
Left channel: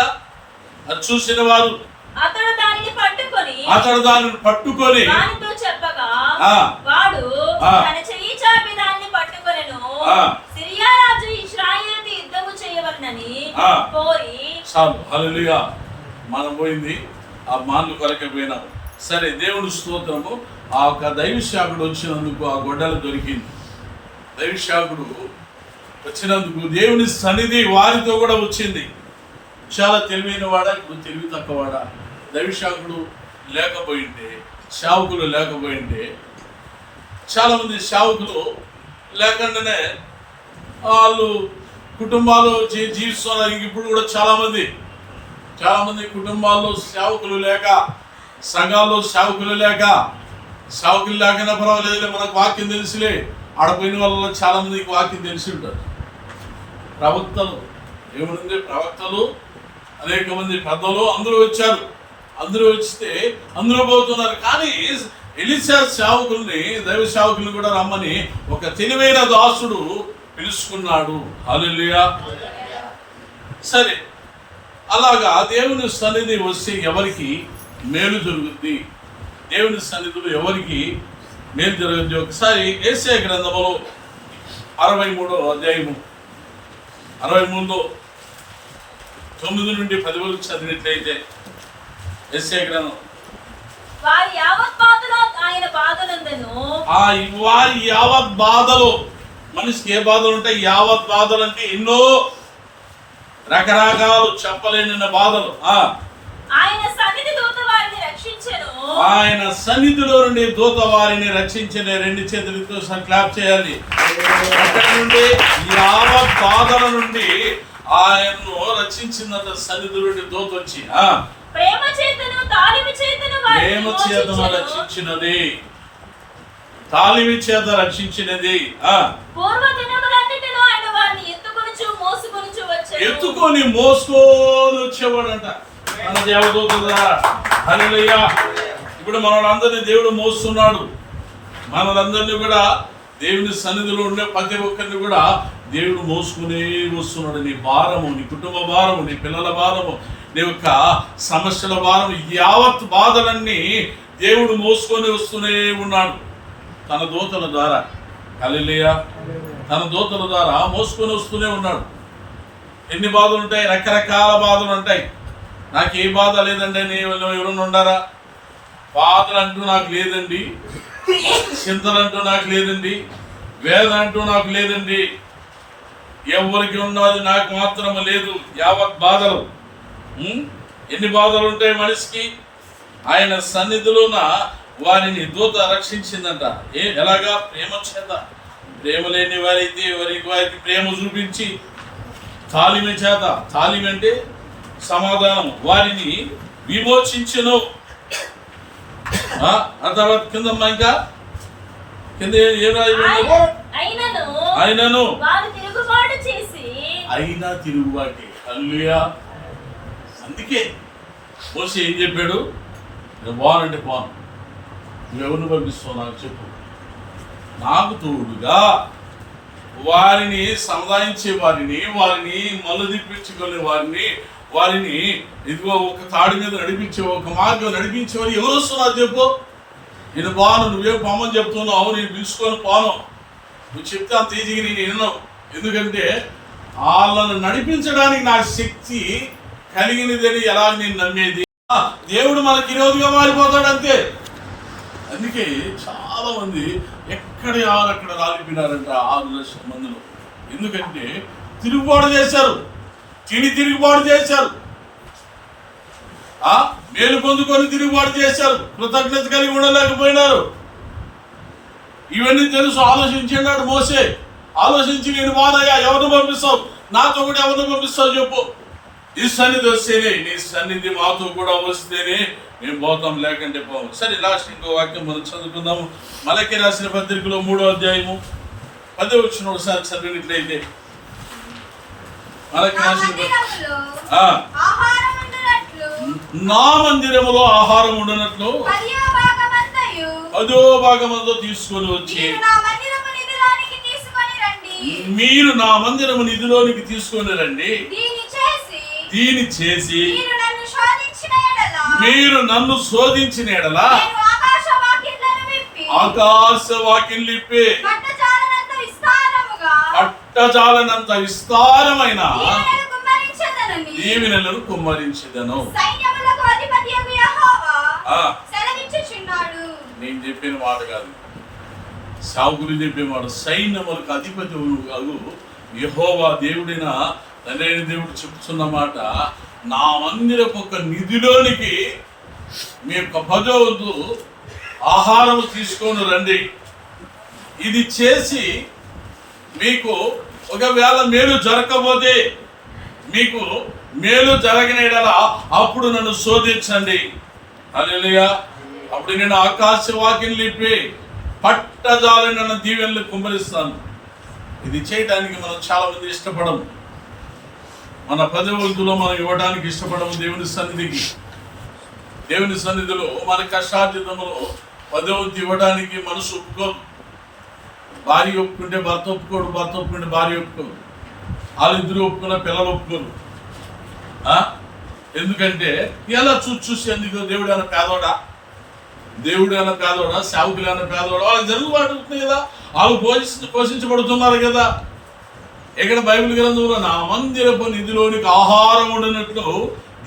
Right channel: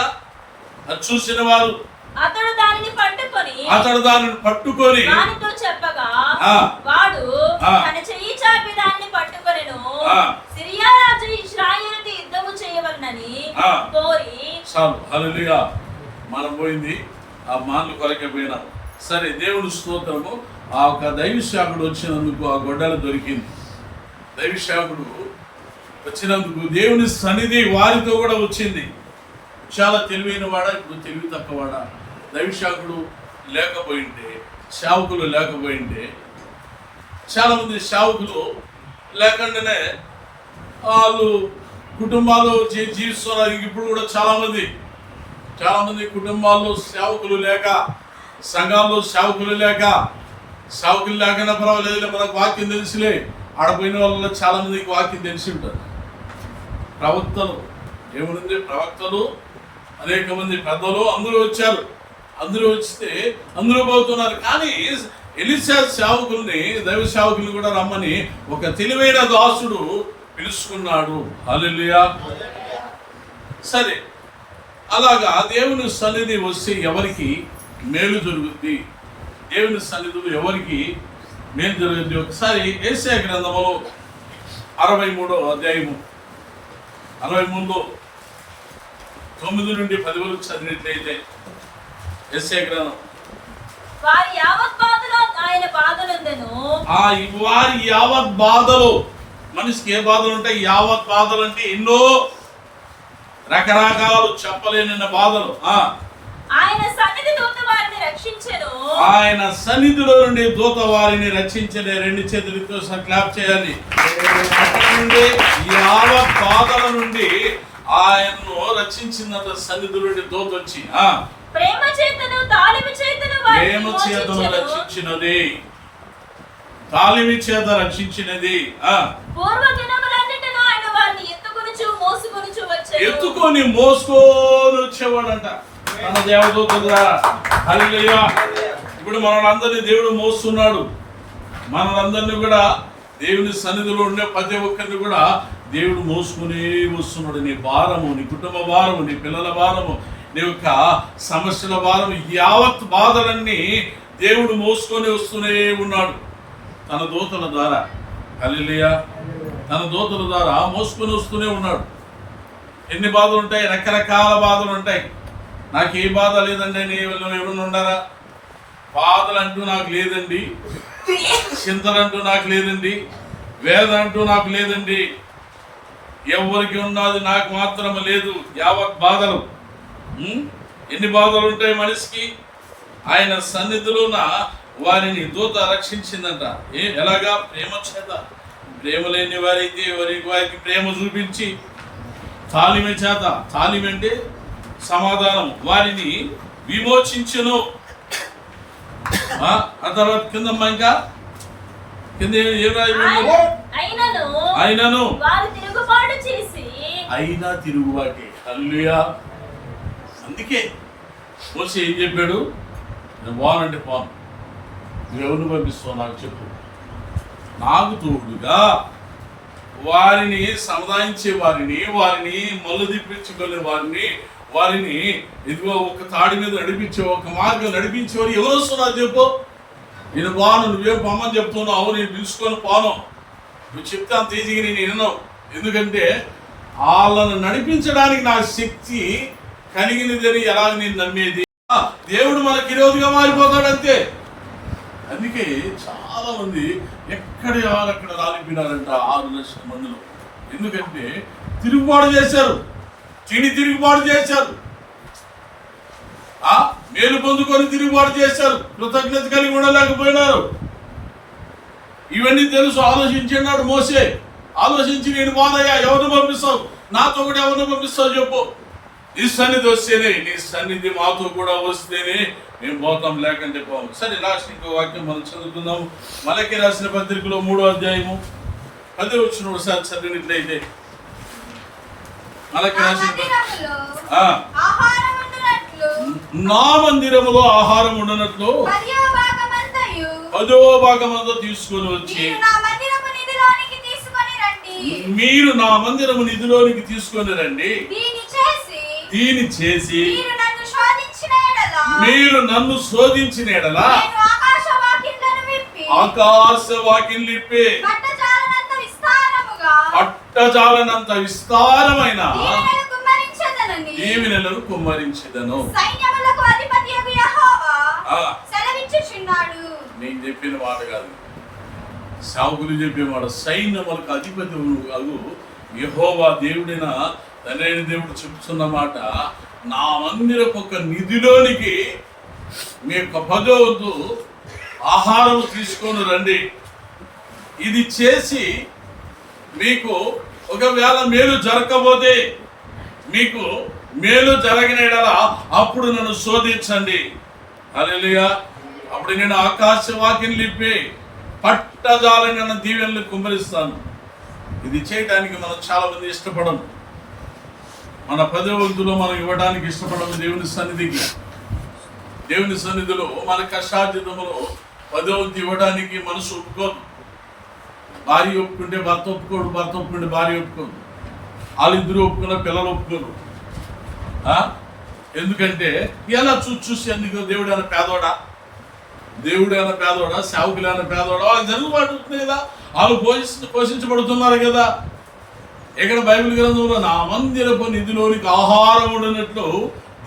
అది చూసిన వారు అతడు దానిని పట్టుకొని వానితో చెప్పగా ఆ. వాడు ఆ. తన చెయ్యి చాపి దానిని పట్టుకొనెను. ఆ. సిరియా రాజు ఇశ్రాయేలుతో యుద్ధము చేయవలనని ఆ. కోరి చాలు. హల్లెలూయా. మనం పోయింది ఆ మాన్లు కొరకే పోయినాం. సరే, దేవుని స్తోత్రము. ఆ ఒక దైవశాఖుడు వచ్చినందుకు ఆ గొడ్డలు దొరికింది. దైవశాఖుడు వచ్చినందుకు దేవుని సన్నిధి వారితో కూడా వచ్చింది. చాలా తెలివైన వాడా, ఇప్పుడు తెలివి తక్కువవాడా? దైవశాఖుడు లేకపోయింటే, సేవకులు లేకపోయింటే, చాలామంది సేవకులు లేకుండానే వాళ్ళు కుటుంబాలు జీవిస్తున్నారు. ఇప్పుడు కూడా చాలామంది కుటుంబాల్లో సేవకులు లేక, సంఘాల్లో సేవకులు లేకనా పర్వాలేదు, మనకు వాక్యం తెలుసులే, ఆడపోయిన వాళ్ళ చాలామందికి వాక్యం తెలిసి ఉంటారు. ప్రవక్తలు ఏముంది? ప్రవక్తలు అనేక మంది పెద్దలు అందరూ వచ్చారు. అందరూ వచ్చితే అందరూ పోతున్నారు. కానీ ఎలీషా సేవకుల్ని, దైవ సేవకుల్ని కూడా రమ్మని ఒక తెలివైన దాసుడు పిలుచుకున్నాడు. హల్లెలూయా. సరే, అలాగా దేవుని సన్నిధి వస్తే ఎవరికి మేలు జరుగుద్ది? దేవుని సన్నిధిలో ఎవరికి మేలు జరుగుద్ది? ఒకసారి యేషయా గ్రంథములో 63వ అధ్యాయము 63లో 9 నుండి 10 వరకు చదివినట్లయితే, యేషయా గ్రంథం వారి యావత్ బాధలో మనిషికి ఏ బాధలు ఉంటాయి? యావత్ బాధలు అంటే ఎన్నో రకరకాలు, చెప్పలేని బాధలు. ఆయన సన్నిధిలో నుండి దూత వారిని రక్షించిన. రెండు చేతులతో క్లాప్ చేయాలి. అక్కడ నుండి యావత్ బాధల నుండి ఆయన్ను రక్షించినంత సన్నిధి నుండి దూత వచ్చి ప్రేమ చేతను రక్షించినది, తాళిమి చేత రక్షించినది. ఎత్తుకొని మోసుకొని వచ్చేవాడంట మన దేవదూత ద్వారా. హల్లెలూయా. ఇప్పుడు మనలందరినీ దేవుడు మోస్తున్నాడు. మనలందరినీ కూడా దేవుని సన్నిధిలో ఉండే ప్రతి ఒక్కరిని కూడా దేవుడు మోసుకునే వస్తున్నాడు. నీ భారము, నీ కుటుంబ భారము, నీ పిల్లల భారము, నీ యొక్క సమస్యల భారము, యావత్ బాధలన్నీ దేవుడు మోసుకొని వస్తూనే ఉన్నాడు తన దూతల ద్వారా. హల్లెలూయా. తన దూతల ద్వారా మోసుకొని వస్తూనే ఉన్నాడు. ఎన్ని బాధలు ఉంటాయి? రకరకాల బాధలు ఉంటాయి. నాకు ఏ బాధ లేదండి అని ఎవరైనా ఉండారా? బాధలు అంటూ నాకు లేదండి, చింతలు అంటూ నాకు లేదండి, వేదన అంటూ నాకు లేదండి. ఎవరికి ఉన్నది నాకు మాత్రం లేదు. యావత్ బాధలు. ఎన్ని బాధలు ఉంటాయి మనిషికి? ఆయన సన్నిధిలోన వారిని దూత రక్షించిందంట. ఎలాగా? ప్రేమ చేత. ప్రేమ లేని వారైతే వారికి ప్రేమ చూపించి తాలిమ చేత, తాలిమ అంటే సమాధానం, వారిని విమోచించును. ఆ తర్వాత కిందమ్మా, ఇంకా కింద ఏం రాయబడింది? అయినను వారు తిరుగుబాటు చేసి, అయినా తిరుగుబాటే. హల్లెలూయా. అందుకే మోసే ఏం చెప్పాడు? నేను పోనంటే పోను, నువ్వెవరిని పంపిస్తావు నాకు చెప్పు. నాకు తోడుగా వారిని సముదాయించే వారిని మల్లు తిప్పించుకునే వారిని ఇదిగో ఒక తాడి మీద నడిపించే, ఒక మార్గం నడిపించేవారు ఎవరు వస్తున్నారు చెప్పు. నేను పోను, నువ్వేం పొమ్మని చెప్తున్నావు, నేను పిలుచుకొని పోను. నువ్వు చెప్తే అంత ఈజీగా నేను విన్నాను. ఎందుకంటే వాళ్ళను నడిపించడానికి నా శక్తి కలిగినదని ఎలాగ నేను నమ్మేది? దేవుడు మనకి ఈరోజుగా మారిపోతాడు అంతే. అందుకే చాలా మంది ఎక్కడ అక్కడ రాలిపోయినారంట 6 లక్షల మందిలో. ఎందుకంటే తిరుగుబాటు చేశారు, తిరుగుబాటు చేశారు, మేలు పొందుకొని తిరుగుబాటు చేశారు, కృతజ్ఞత కలిగి ఉండలేకపోయినారు. ఇవన్నీ తెలుసు. ఆలోచించినాడు మోసే. ఆలోచించి, నేను బాధయ్యా, ఎవరిని పంపిస్తావు? నాతో కూడా ఎవరిని పంపిస్తావు చెప్పు. నీ సన్నిధి వస్తేనే, నీ సన్నిధి మాతో కూడా వస్తేనే మేము పోతాం, లేకంటే పోము. సరే, లాస్ట్ ఇంకో వాక్యం మనం చదువుకుందాము. మలకి రాసిన పత్రికలో 3వ అధ్యాయము 10వ వచనం ఒకసారి చదివినట్లయితే. మలకి రాసిన నా మందిరములో ఆహారం ఉండనట్లు 10వ భాగమంతా తీసుకొని వచ్చి మీరు నా మందిరము నిధిలోనికి తీసుకొని రండి. దీని చేసి మీరు నన్ను శోధించిన ఎడల ఆకాశ వాకిళ్ళు ఇప్పి పట్టజాలనంత విస్తారమైన దీవెనలను కుమ్మరించెదను. నేను చెప్పిన మాట కాదు, సాగులు చెప్పేవాడు. సైన్యములకు అధిపతి అగు యెహోవా దేవుడిన తండ్రి దేవుడు చెప్తున్న మాట, నా మందిరపు ఒక నిధిలోనికి మీ యొక్క 10వ వంతు ఆహారం తీసుకొని రండి. ఇది చేసి మీకు ఒకవేళ మేలు జరగకపోతే, మీకు మేలు జరగని యెడల అప్పుడు నన్ను శోధించండి. హల్లెలూయా. అప్పుడు నేను ఆకాశ వాకిళ్ళు ఇప్పి పట్టజాలన దీవెనలు కుమ్మరిస్తాను. ఇది చేయడానికి మనం చాలా మంది ఇష్టపడము. మన 10వ వంతులో మనం ఇవ్వడానికి ఇష్టపడము. దేవుని సన్నిధిలో మన కష్టార్జితములో 10వ వంతు ఇవ్వడానికి మనసు ఒప్పుకోదు. భార్య ఒప్పుకుంటే భర్త ఒప్పుకోడు, భర్త ఒప్పుకుంటే భార్య ఒప్పుకోదు, వాళ్ళిద్దరూ ఒప్పుకున్న పిల్లలు ఒప్పుకోరు. ఎందుకంటే ఎలా చూసి అందుకు దేవుడైనా పేదోడా, సేవకులైనా పేదోడా, వాళ్ళకి జరుగుబాటు ఉంటుంది కదా, వాళ్ళు పోషించబడుతున్నారు కదా. ఇక్కడ బైబిల్ గ్రంథంలో నా మందిరపు నిధిలోనికి ఆహారం ఉండనట్లు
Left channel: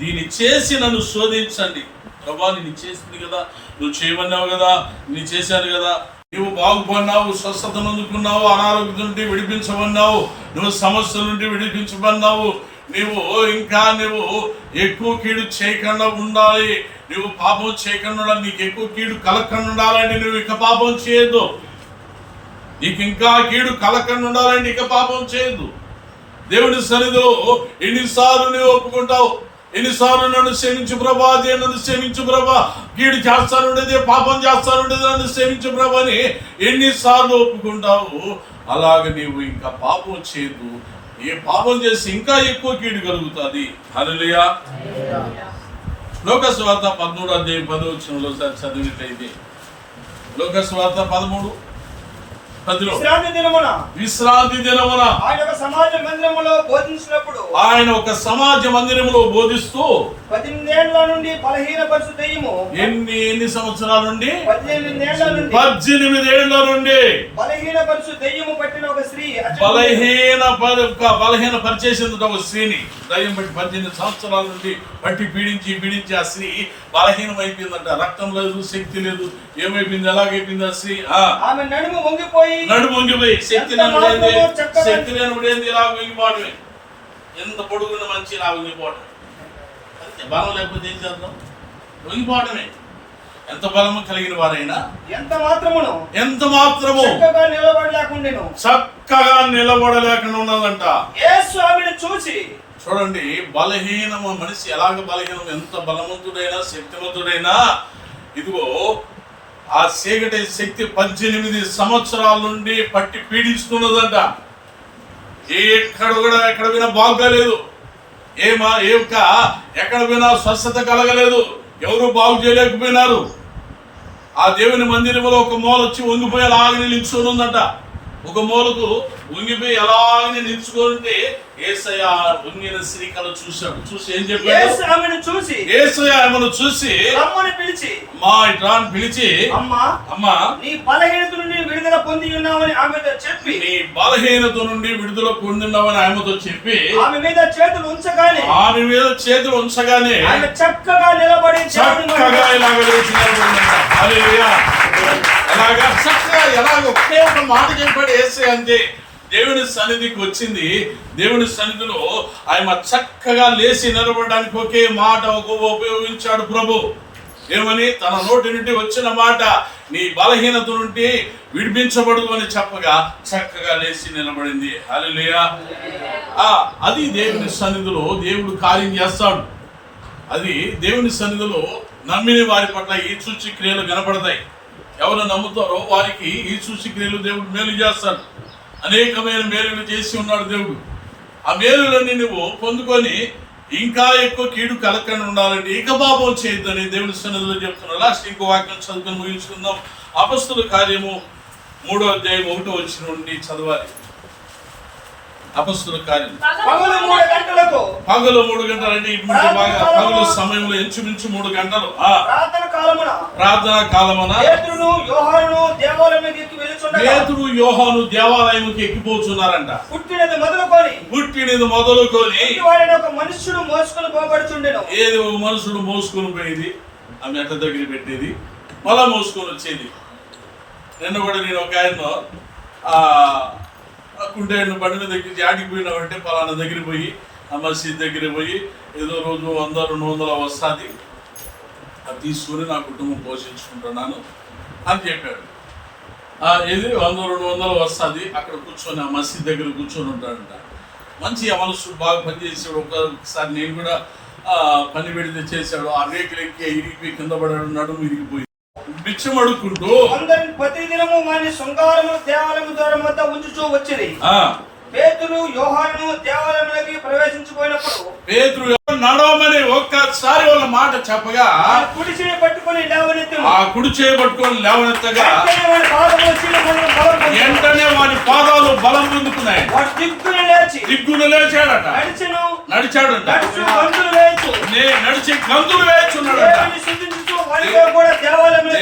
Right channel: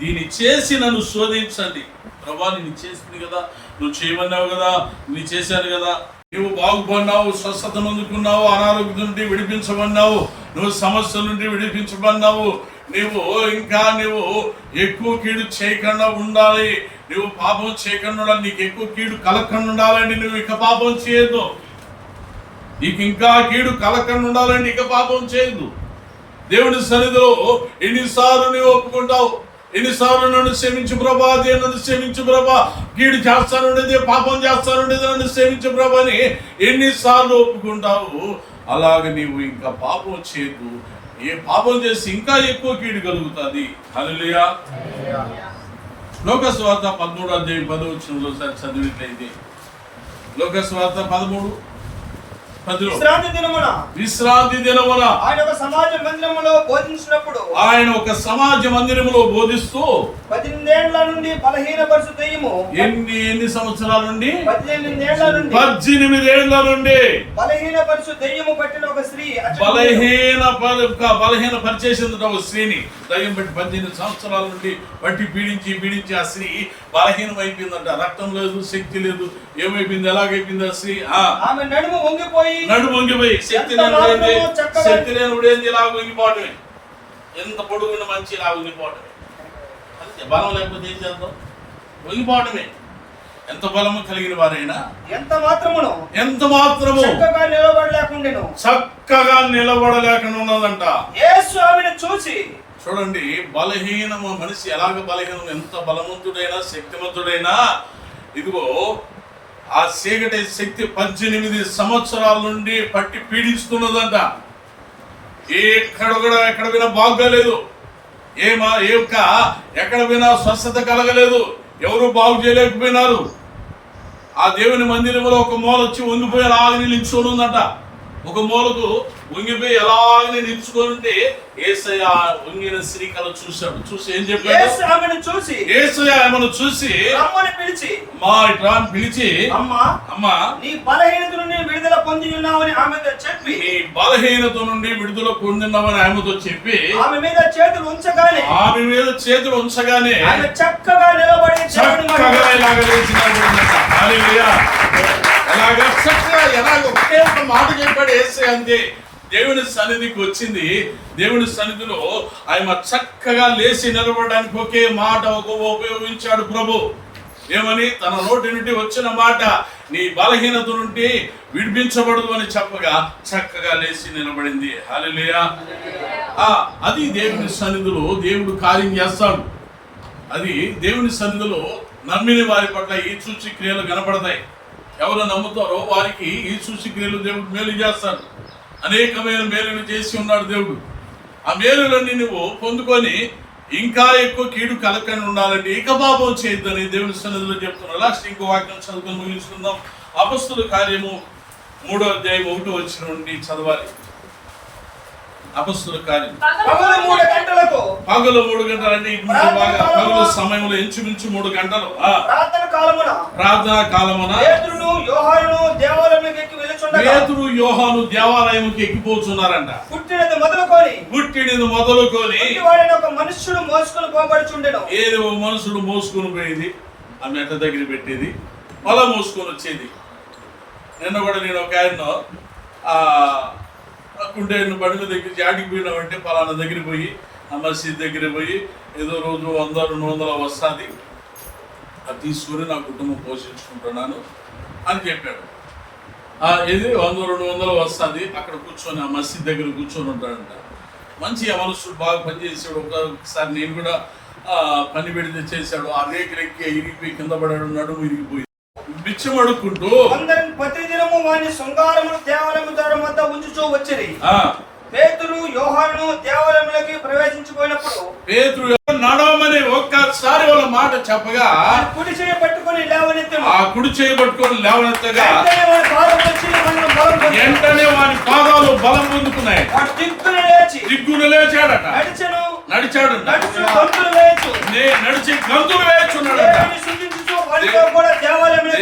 దీన్ని చేసి నన్ను శోధించండి. ప్రభా, నేను చేసింది కదా, నువ్వు చేయమన్నావు కదా, నేను చేశాను కదా, నువ్వు బాగుపడినావు, స్వస్థతను అందుకున్నావు, అనారోగ్యం నుండి విడిపించమన్నావు, నువ్వు సమస్యల నుండి విడిపించమన్నావు, నువ్వు ఎక్కువ కీడు చేయకుండా ఉండాలి, నువ్వు పాపం చేయకుండా ఉండాలి, నీకు ఎక్కువ కీడు కలగకుండా ఉండాలండి, నువ్వు ఇక పాపం చేయొద్దు, నీకు ఇంకా కీడు కలగకుండా ఉండాలండి, ఇక పాపం చేయొద్దు. దేవుని సన్నిధిలో ఎన్నిసార్లు నువ్వు ఒప్పుకుంటావు? ఎన్నిసార్లు నన్ను క్షమించు ప్రభా, అదే నన్ను క్షమించు ప్రభా, కీడు చేస్తానుండేది, పాపం చేస్తానుండేది, నన్ను క్షమించు ప్రభా అని ఎన్నిసార్లు ఒప్పుకుంటావు? అలాగ నీవు ఇంకా పాపం చేయదు. ఏ పాపం చేసి ఇంకా ఎక్కువ కీడు కలుగుతుంది. హల్లెలూయా. లోకాసు వార్త 13వ అధ్యాయం 10వ వచనంలో చదివినట్లయితే, లోకాసు వార్త 13:10 విశ్రాంతి దినమున ఆయన ఒక సమాజ మందిరములో బోధిస్తూ 18 ఏళ్ల నుండి బలహీనపరచు దెయ్యము, ఎన్ని సంవత్సరాల నుండి? 18 ఏళ్ల నుండి బలహీనపరచు దెయ్యము పట్టిన ఒక స్త్రీ, బలహీనపరిచేసింది ఒక స్త్రీని దయ్యం బట్టి 18 సంవత్సరాల నుండి బట్టి పీడించి ఆ స్త్రీ బలహీనం అయిపోయిందంట. రక్తం లేదు, శక్తి లేదు, ఏమైపోయింది? ఎలాగైపోయింది ఆ స్త్రీ? ఆమె నడుము వంగిపోయి నడుము వంగిపోయి శక్తి లేనుడేంది ఇలా వంగిపోవటమే. ఎంత పొడుగున్న మంచి ఇలా వంగిపోవటమే. అంతే, బలం లేకపోతే ఏం చేద్దాం? వంగిపోవటమే. ఎంత బలము కలిగిన వారైనా ఎంత మాత్రము చక్కగా నిలబడలేకుండా ఉన్నదంట. యేసు ఆమెను చూసి, చూడండి, బలహీనము మనిషి ఎలాగ బలహీనం, ఎంత బలవంతుడైనా శక్తివంతుడైనా ఇదిగో ఆ చీకటి శక్తి 18 సంవత్సరాల నుండి పట్టి పీడిస్తున్నదంట. ఎక్కడ వినా బాగోలేదు, ఎక్కడ వినా స్వస్థత కలగలేదు, ఎవరు బాగు చేయలేకపోయినారు. ఆ దేవుని మందిరంలో ఒక మూల వచ్చి వంగిపోయి అలాగనే నిల్చుని ఉందంట. ఒక మూలకు వంగిపోయి ఎలాగనే నిల్చుకుంటే యేసయ్య వంగిన శ్రీకళ చూశాడు. చూసి ఏం చెప్పాడు? యేసయ్య ఆమెను చూసి పిలిచి అమ్మా నీ బలహీనత నుండి విడుదల పొంది ఉన్నావని ఆమెతో చెప్పి, ఆమెతో చెప్పి ఆమె మీద చేతులు ఉంచగానే ఆమె చక్కగా నిలబడి ఇలాగ లేచి నిలబడిందంట. హల్లెలూయా. ఎలాగ ఒకే ఒక మాట చెప్పాడు యేసయ్య, అంతే. దేవుని సన్నిధికి వచ్చింది. దేవుని సన్నిధిలో ఆయన చక్కగా లేచి నిలబడడానికి ఒకే మాట ఉపయోగించాడు ప్రభు. ఏమని? తన నోటి నుండి వచ్చిన మాట, నీ బలహీనత నుండి విడిపించబడదు అని చెప్పగా చక్కగా లేచి నిలబడింది. హల్లెలూయా. అది దేవుని సన్నిధిలో దేవుడు కార్యం చేస్తాడు. అది దేవుని సన్నిధిలో నమ్మిన వారి పట్ల ఈ సూచక్రియలు కనపడతాయి. ఎవరు నమ్ముతారో వారికి ఈ సూచక్రియలు దేవుడు మేలు చేస్తాడు. అనేకమైన మేలులు చేసి ఉన్నాడు దేవుడు. ఆ మేలులన్నీ నువ్వు పొందుకొని ఇంకా ఎక్కువ కీడు కలగకుండా ఉండాలంటే ఇక పాపం చేయొద్దని దేవుని సన్నిధిలో చెప్తున్నా. లాస్ట్ ఇంకో వాక్యం చదువుకొని ముగించుకుందాం. అపొస్తలుల కార్యము 3వ అధ్యాయం 1వ వచనం నుండి చదవాలి. అపొస్తలుల కార్యం పగలు 3 గంటలంటే ఇటువంటి బాగా పగలు సమయంలో ఇంచుమించు 3 గంటలు ప్రార్థన కాలమున పేతురు యోహాను దేవాలయంకి ఎక్కిపోతున్నారంట. పుట్టినది మొదలుకొని ఒక మనుషుడు మోసుకొని పోబడుచుండెను. ఏది ఒక మనుషుడు మోసుకొని పోయేది, ఆ మెట్ట దగ్గర పెట్టేది, మళ్ళా మోసుకొని వచ్చేది. నిన్న కూడా నేను ఒక ఆయన కుంటే బండి మీద దగ్గర ఆడికి పోయినామంటే పలానా దగ్గర పోయి ఆ మసీద్ దగ్గర పోయి ఏదో రోజు 100-200 వస్తుంది, అది తీసుకుని నా కుటుంబం పోషించుకుంటున్నాను అని చెప్పాడు. ఇది 100-200 వస్తుంది, అక్కడ కూర్చొని ఆ మసీద్ దగ్గర కూర్చొని ఉంటాడంట. మంచి ఆ మనుషుడు బాగా పనిచేసాడు. ఒకసారి నేను కూడా పని పెడితే చేశాడు. ఆ రేకులు ఎక్కి ఇరిగిపోయి కింద పడాడు, నడుము ఇరిగిపోయి బిచ్చం అడుక్కుంటూ ప్రతిదినము వారి శృంగారము దేవాలయము ద్వారం వద్ద ఉంచుచూ వచ్చింది. పేతురు యోహాను దేవాలయంలోకి ప్రవేశించిపోయినప్పుడు పేతురు నడవమని ఒక్కసారి వాళ్ళ మాట చెప్పగా కుడి చేయి పట్టుకొని లేవనెత్తాడు. ఆ కుడి చేయి పట్టుకొని లేవనెత్తగా వెంటనే వాడి పాదాలు బలం పొందుకున్నాయి. దిగ్గున లేచాడట. నడిచాడట. నడిచి గంతులు వేస్తున్నాడట.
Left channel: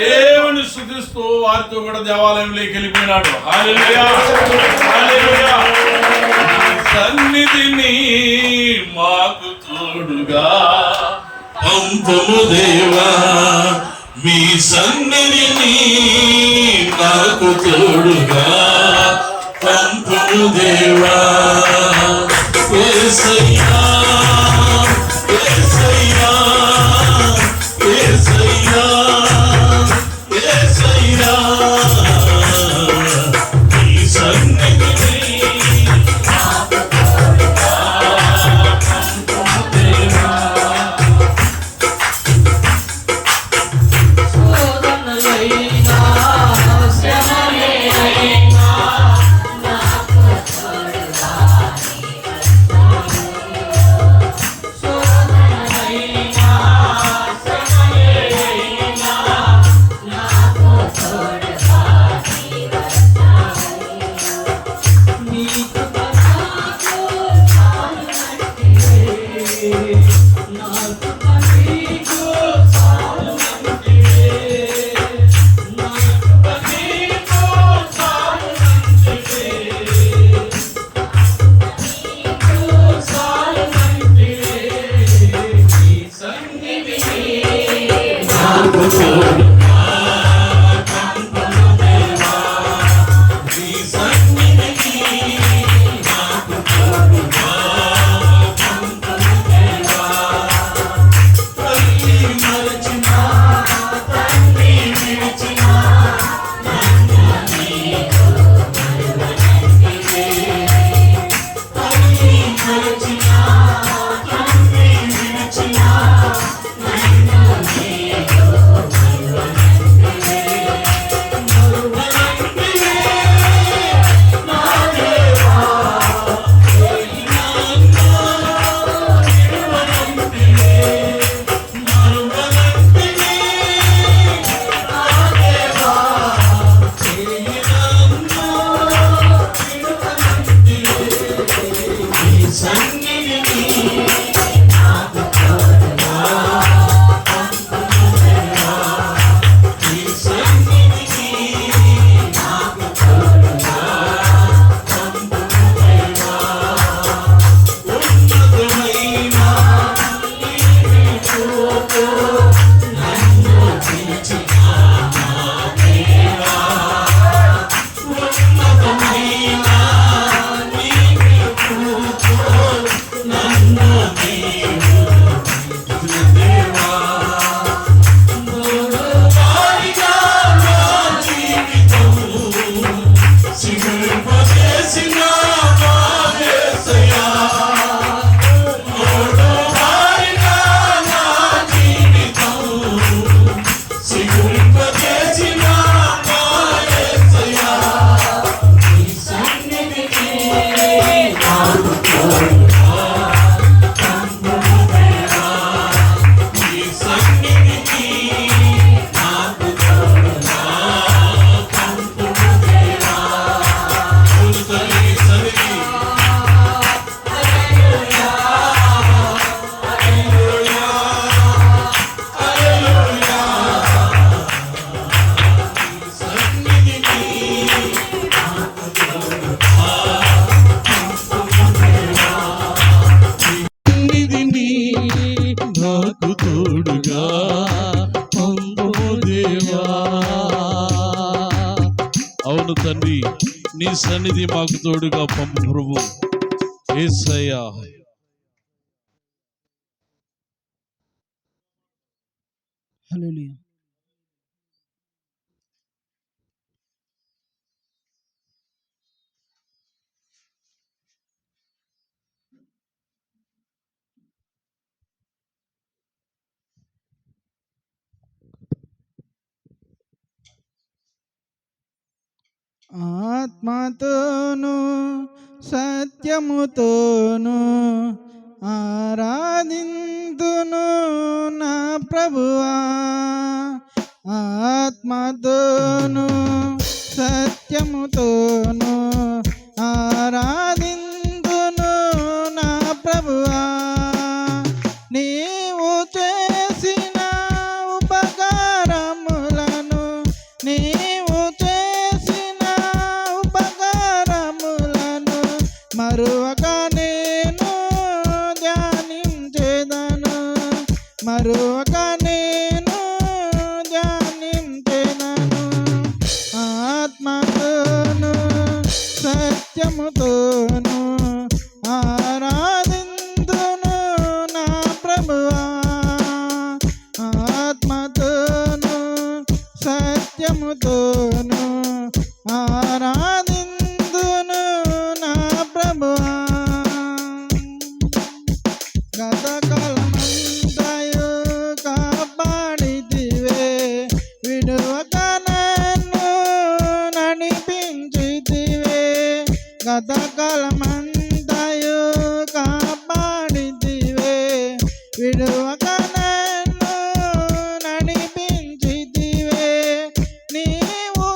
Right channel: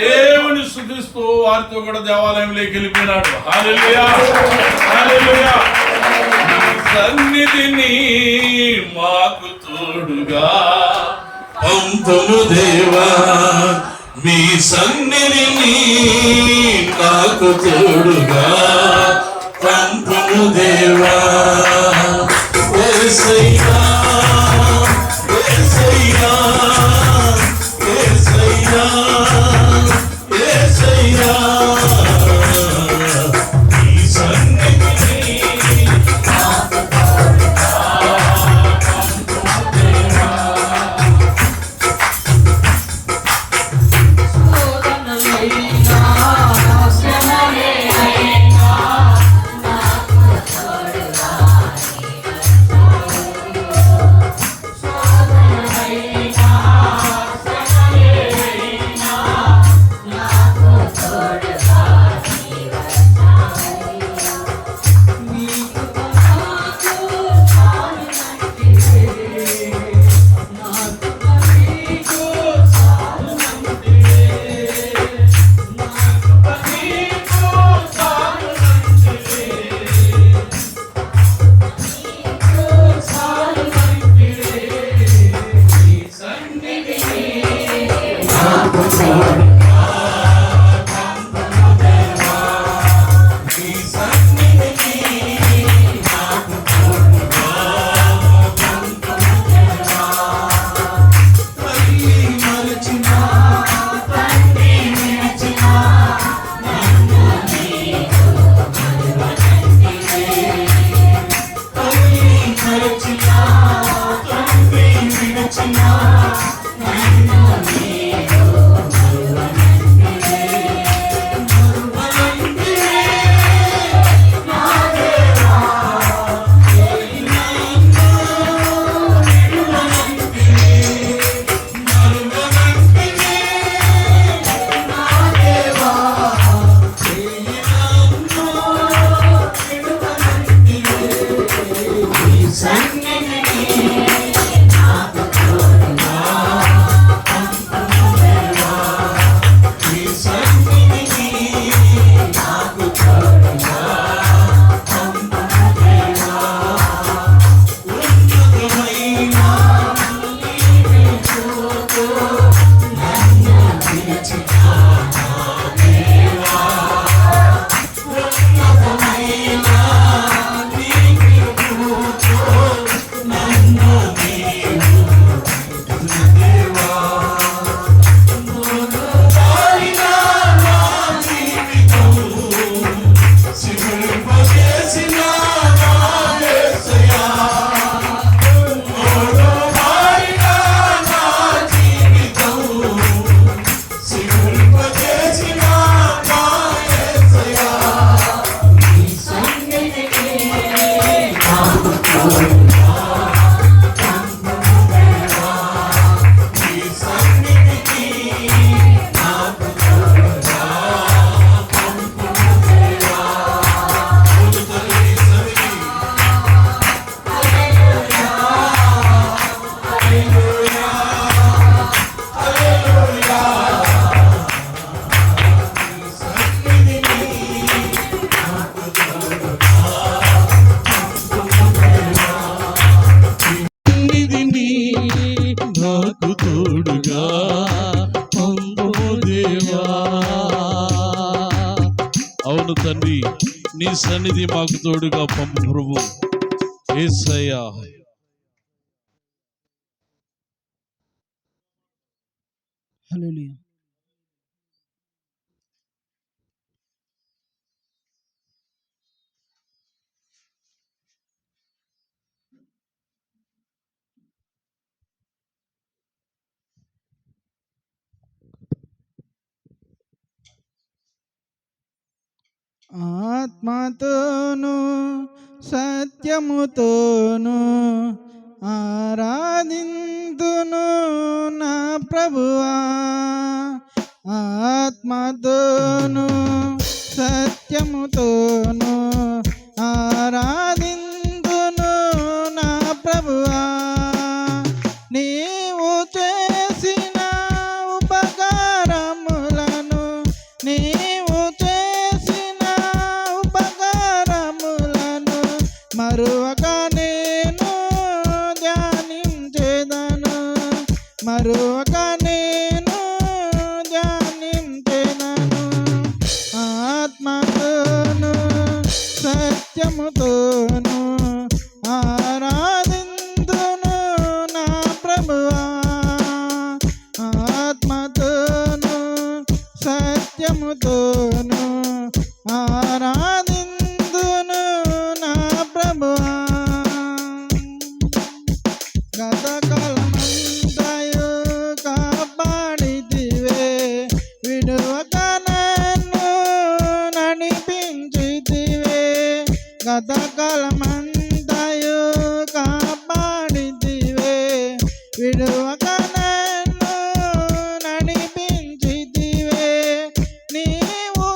దేవుని స్తుతిస్తూ వారితో కూడా దేవాలయంలోకి వెళ్ళిపోయినాడు. హల్లెలూయా, హల్లెలూయా. నీ సన్నిధిని మాకు తోడుగా పంపుము దేవా, మీ సన్నిధిని నాకు తోడుగా పంపుము దేవా. యేసయ్యా, యేసయ్యా, యేసయ్యా, యేసయ్యా, నీ సన్నిధిని నీ మాకు తోడుగా పంపుము దేవా. అవును తండ్రి, నీ సన్నిధి మాకు తోడుగా పంపు ప్రభు. యేసయ్యా. హల్లెలూయా. ఆత్మతోను సత్యముతోను ఆరాధింతును నా ప్రభువా. ఆత్మతోను సత్యముతోను ఆరాధింతును నా ప్రభువా. నీవు చేసిన ఉపకారములను నీవు చేసిన ఉపకారములను మరువక నేను ధ్యానించెదను. మరువక నేను ధ్యానించెదను. ఆత్మతోను సత్యముతోను ఆరాధింతును నా ప్రభువా. ఆత్మతోను సత్యముతోను ఆరాధింతును నా ప్రభువా. గతకాలమంతయు కాపాడితివే, విడువక నన్ను నడిపించితివే. గతకాలమంతయు కాపాడితివే, విడువక నన్ను నడిపించితివే. నీవు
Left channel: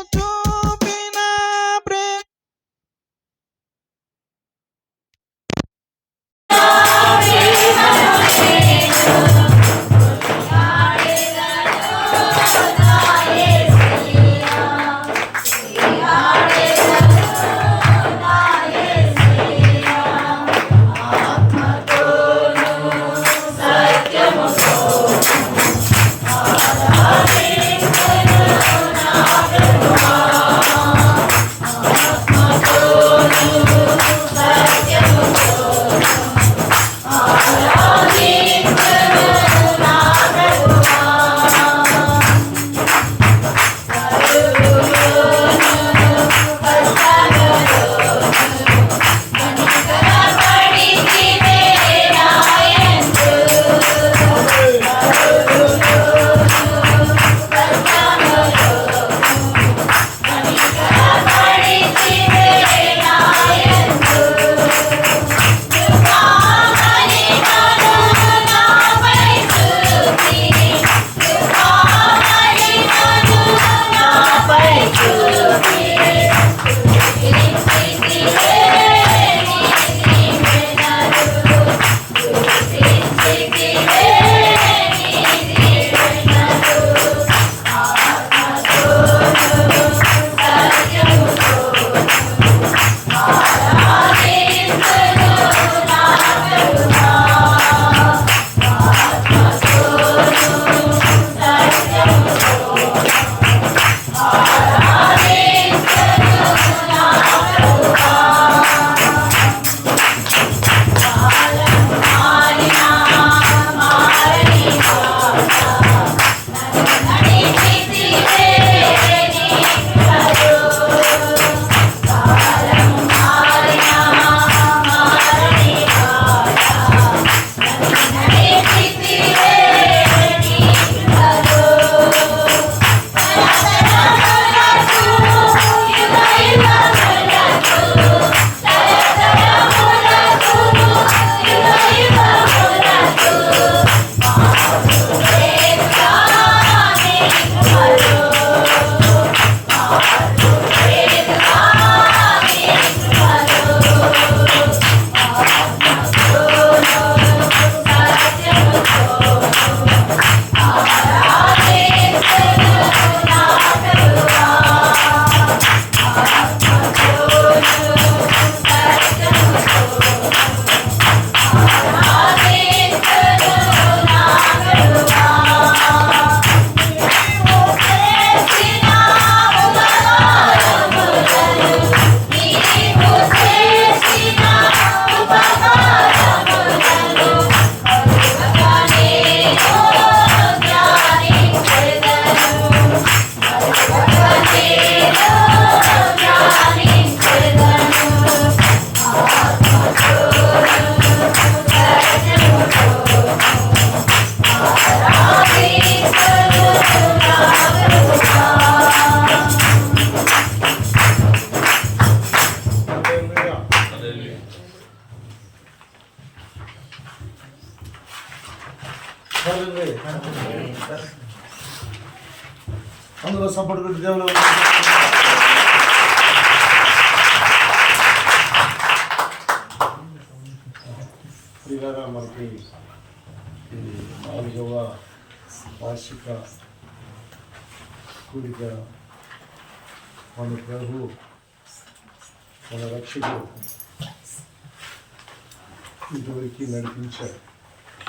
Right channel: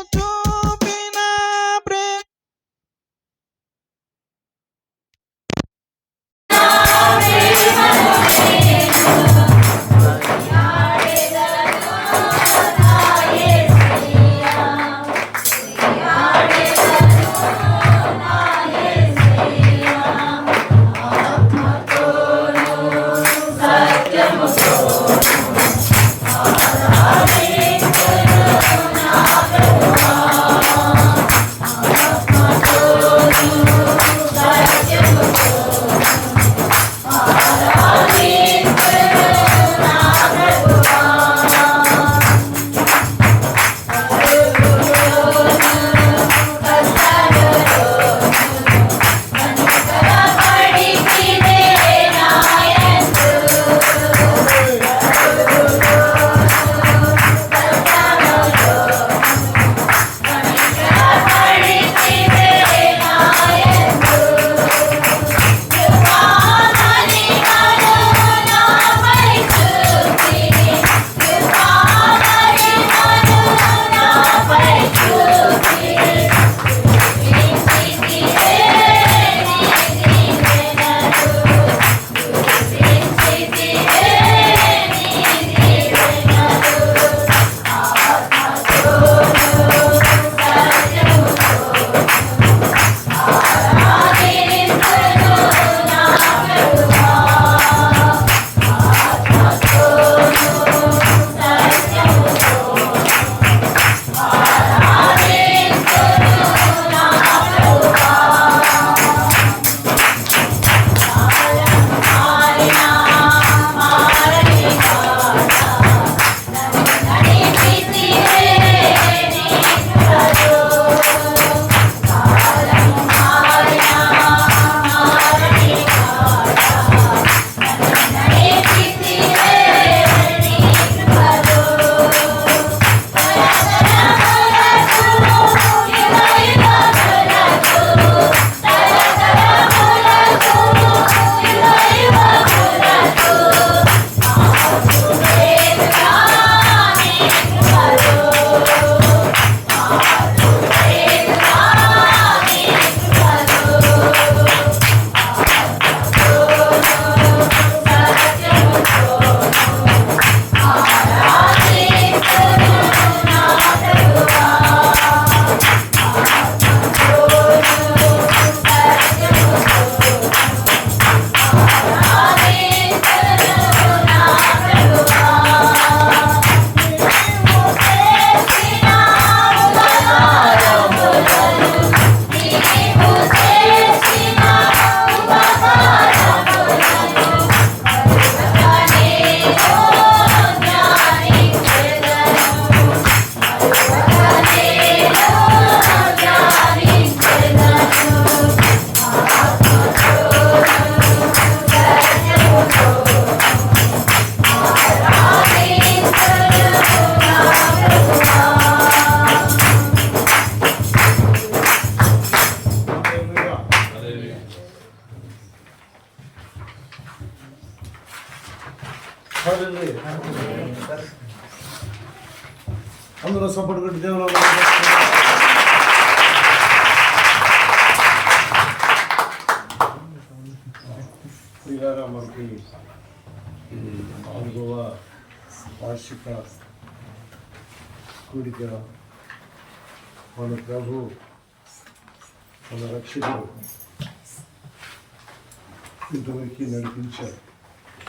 అందరూ సపోర్ట్ కొట్టి దేవుడు ప్రియారా మనకి ఈ 4వ వార్షిక కూడిక మన ప్రభు మన రక్షకుడు ఇంతవరకు నడిపించారు.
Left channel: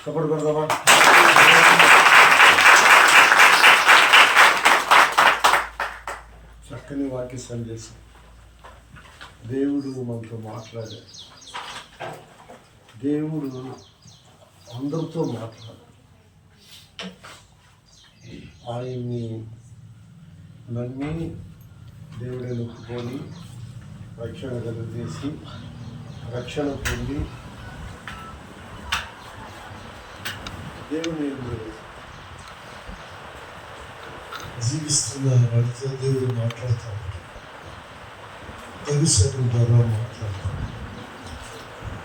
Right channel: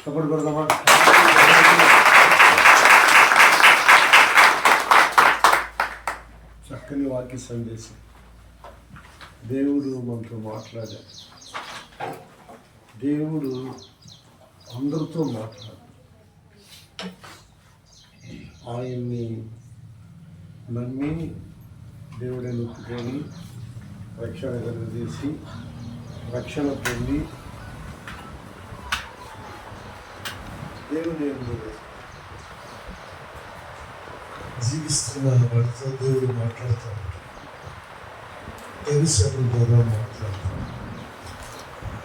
సపోర్ట్ కొడదామా? చక్కని వాక్య సందేశం. దేవుడు మనతో మాట్లాడాడు. దేవుడు అందరితో మాట్లాడు. ఆయన్ని నమ్మి దేవుడే నొప్పుకొని రక్షణ కలుగజేసి రక్షణ పొంది దేవుని యందు జీవిస్తున్న వాడితో దేవుడు మాట్లాడుతూ ఉంటాడు. దైవసేవకుల ద్వారా మాట్లాడతాడు.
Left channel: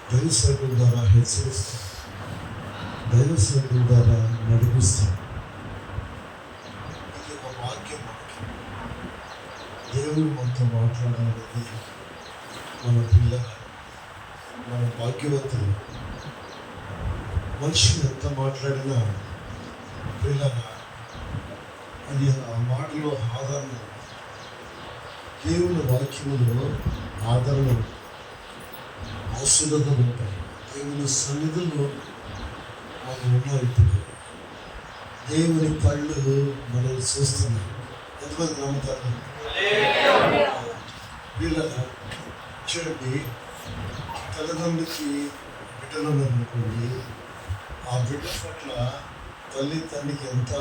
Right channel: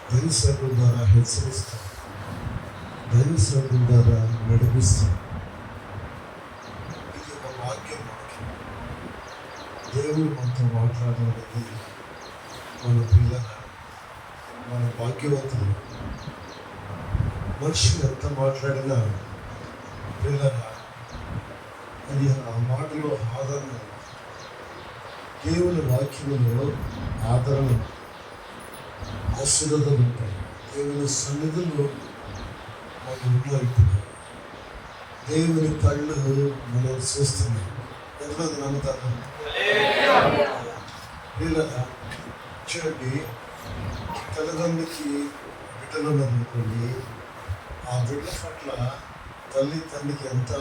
దైవసేవకుల ద్వారా హెచ్చరిస్తాడు. దైవసేవకుల ద్వారా నడిపిస్తాడు. ఇది ఒక వాక్యం. దేవుడు మనతో మాట్లాడాలనేది మన పిల్లగా మన భాగ్యవంతులు. మనిషి ఎంత మాట్లాడినా పిల్లగా అది ఆ మాటలో ఆదరణ, దేవుని వాక్యములో ఆదరణ, ఆశీర్వాదాలు ఉంటాయి. దేవుని సన్నిధిలో మనం ఉన్నాం. ఇప్పుడు దేవుని కళ్ళు మనం చూస్తున్నాం. ఎంతమంది నమ్ముతారు? పిల్లగా చూడండి, తల్లిదండ్రులకి బిడ్డలు ఉన్నారనుకోండి, ఆ బిడ్డ పట్ల తల్లి తండ్రికి ఎంత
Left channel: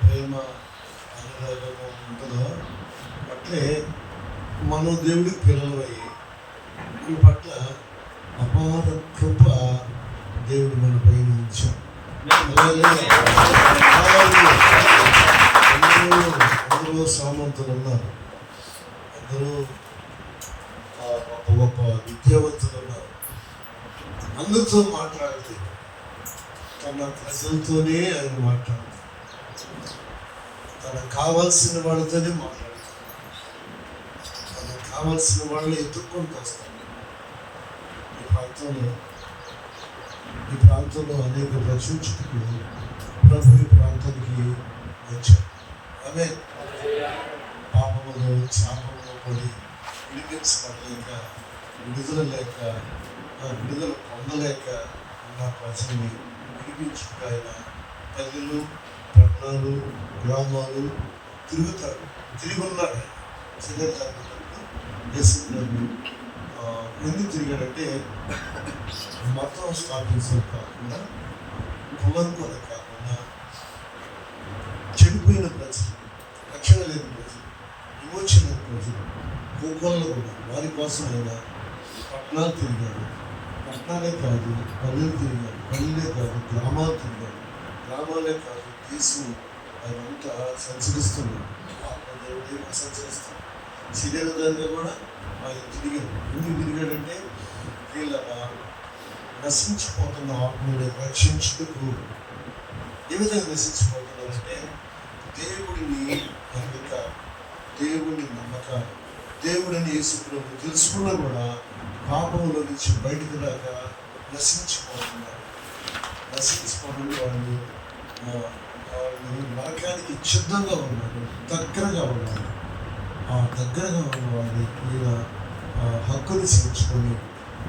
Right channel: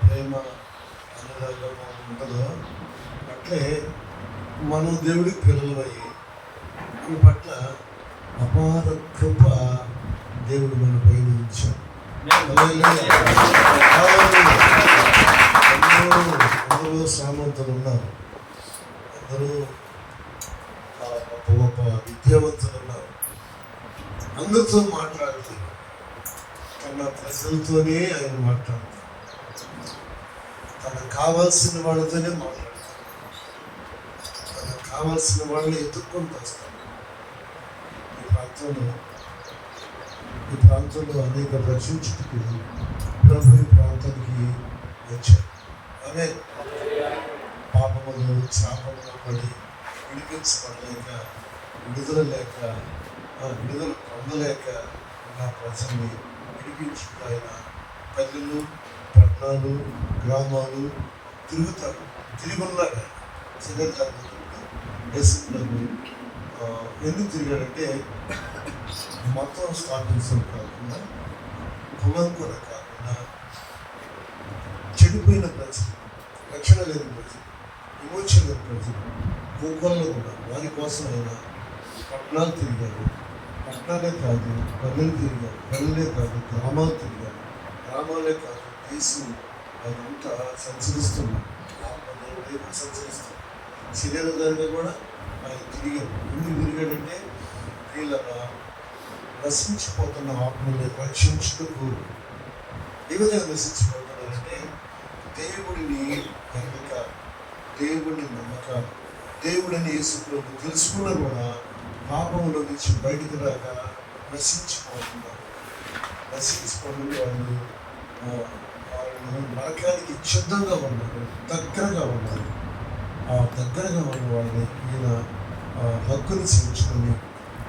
ప్రేమ అనురాగము ఉంటుందో అట్లే మనం దేవుడికి పిల్లలయ్యి ఈ పట్ల అపార కృప దేవుడు మన పైన ఉంచాం. అందరూ సామంతులు ఉన్నారు. అందరూ గొప్ప గొప్ప విద్యావంతులు ఉన్నారు. అందరితో మాట్లాడుతూ తన ప్రజలతోనే ఆయన మాట్లాడతారు. తనకు కావాల్సిన వాళ్ళతోనే మాట్లాడతారు. తనకు కావాల్సిన వాళ్ళని ఎత్తుక్కుంటూ వస్తారు. ఈ ప్రాంతంలో అనేక రచించుటకు ప్రభు ఈ ప్రాంతానికి వచ్చారు. ఆమె పాపములు శాపములు పడి విడిపించబడలేక, విడుదల లేక, విడుదల పొందలేక ఉన్న ప్రజల్ని విడిపించుకుంటూ ఆయన పల్లెలు, పట్టణాలు, గ్రామాలు తిరుగుతాడు. తిరిగి ఉన్నాడు. దేశంలో ఎందుకు తిరిగాడంటే మతం స్థాపించడం కాకుండా, కులం కూడా కాకుండా, చెడిపోయిన ప్రజలు, రక్షణ లేని ప్రజలు, విమోచన లేని ప్రజలు, భూగోళంలో కూడా వారి కోసం ఆయన పట్టణాలు తిరిగాడు. పట్టణాలే కాదు, పల్లెలు తిరిగాడు. పల్లెలే కాదు, గ్రామాలు తిరిగాడు. గ్రామాలే కాదు, దేశం అదంతా సంచరిస్తున్నాడు. ఆత్మదేవుడే సంచరిస్తున్నాడు. శరీరంగా కూడా ఆయన తిరిగాడు. ఎందుకు తిరిగాడంటే వీళ్ళగా నశించిపోతున్న ఆత్మని రక్షించుటకు. ఏ విధంగా నశించిపోతున్నారంటే దేవుడిని ఎరగక, దేవుడిని నమ్మక, దేవుడిని యేసుప్రభు తెలుసుకున్నా కూడా పాపంలో నుంచి బయటకు రాక నశించిపోతున్నారు. వాళ్ళు నరకానికి సిద్ధంగా ఉన్నారు, దగ్గరగా ఉన్నారు. ఆ దగ్గరగా ఉన్న వాళ్ళని ఈయన హక్కుని చేర్చుకొని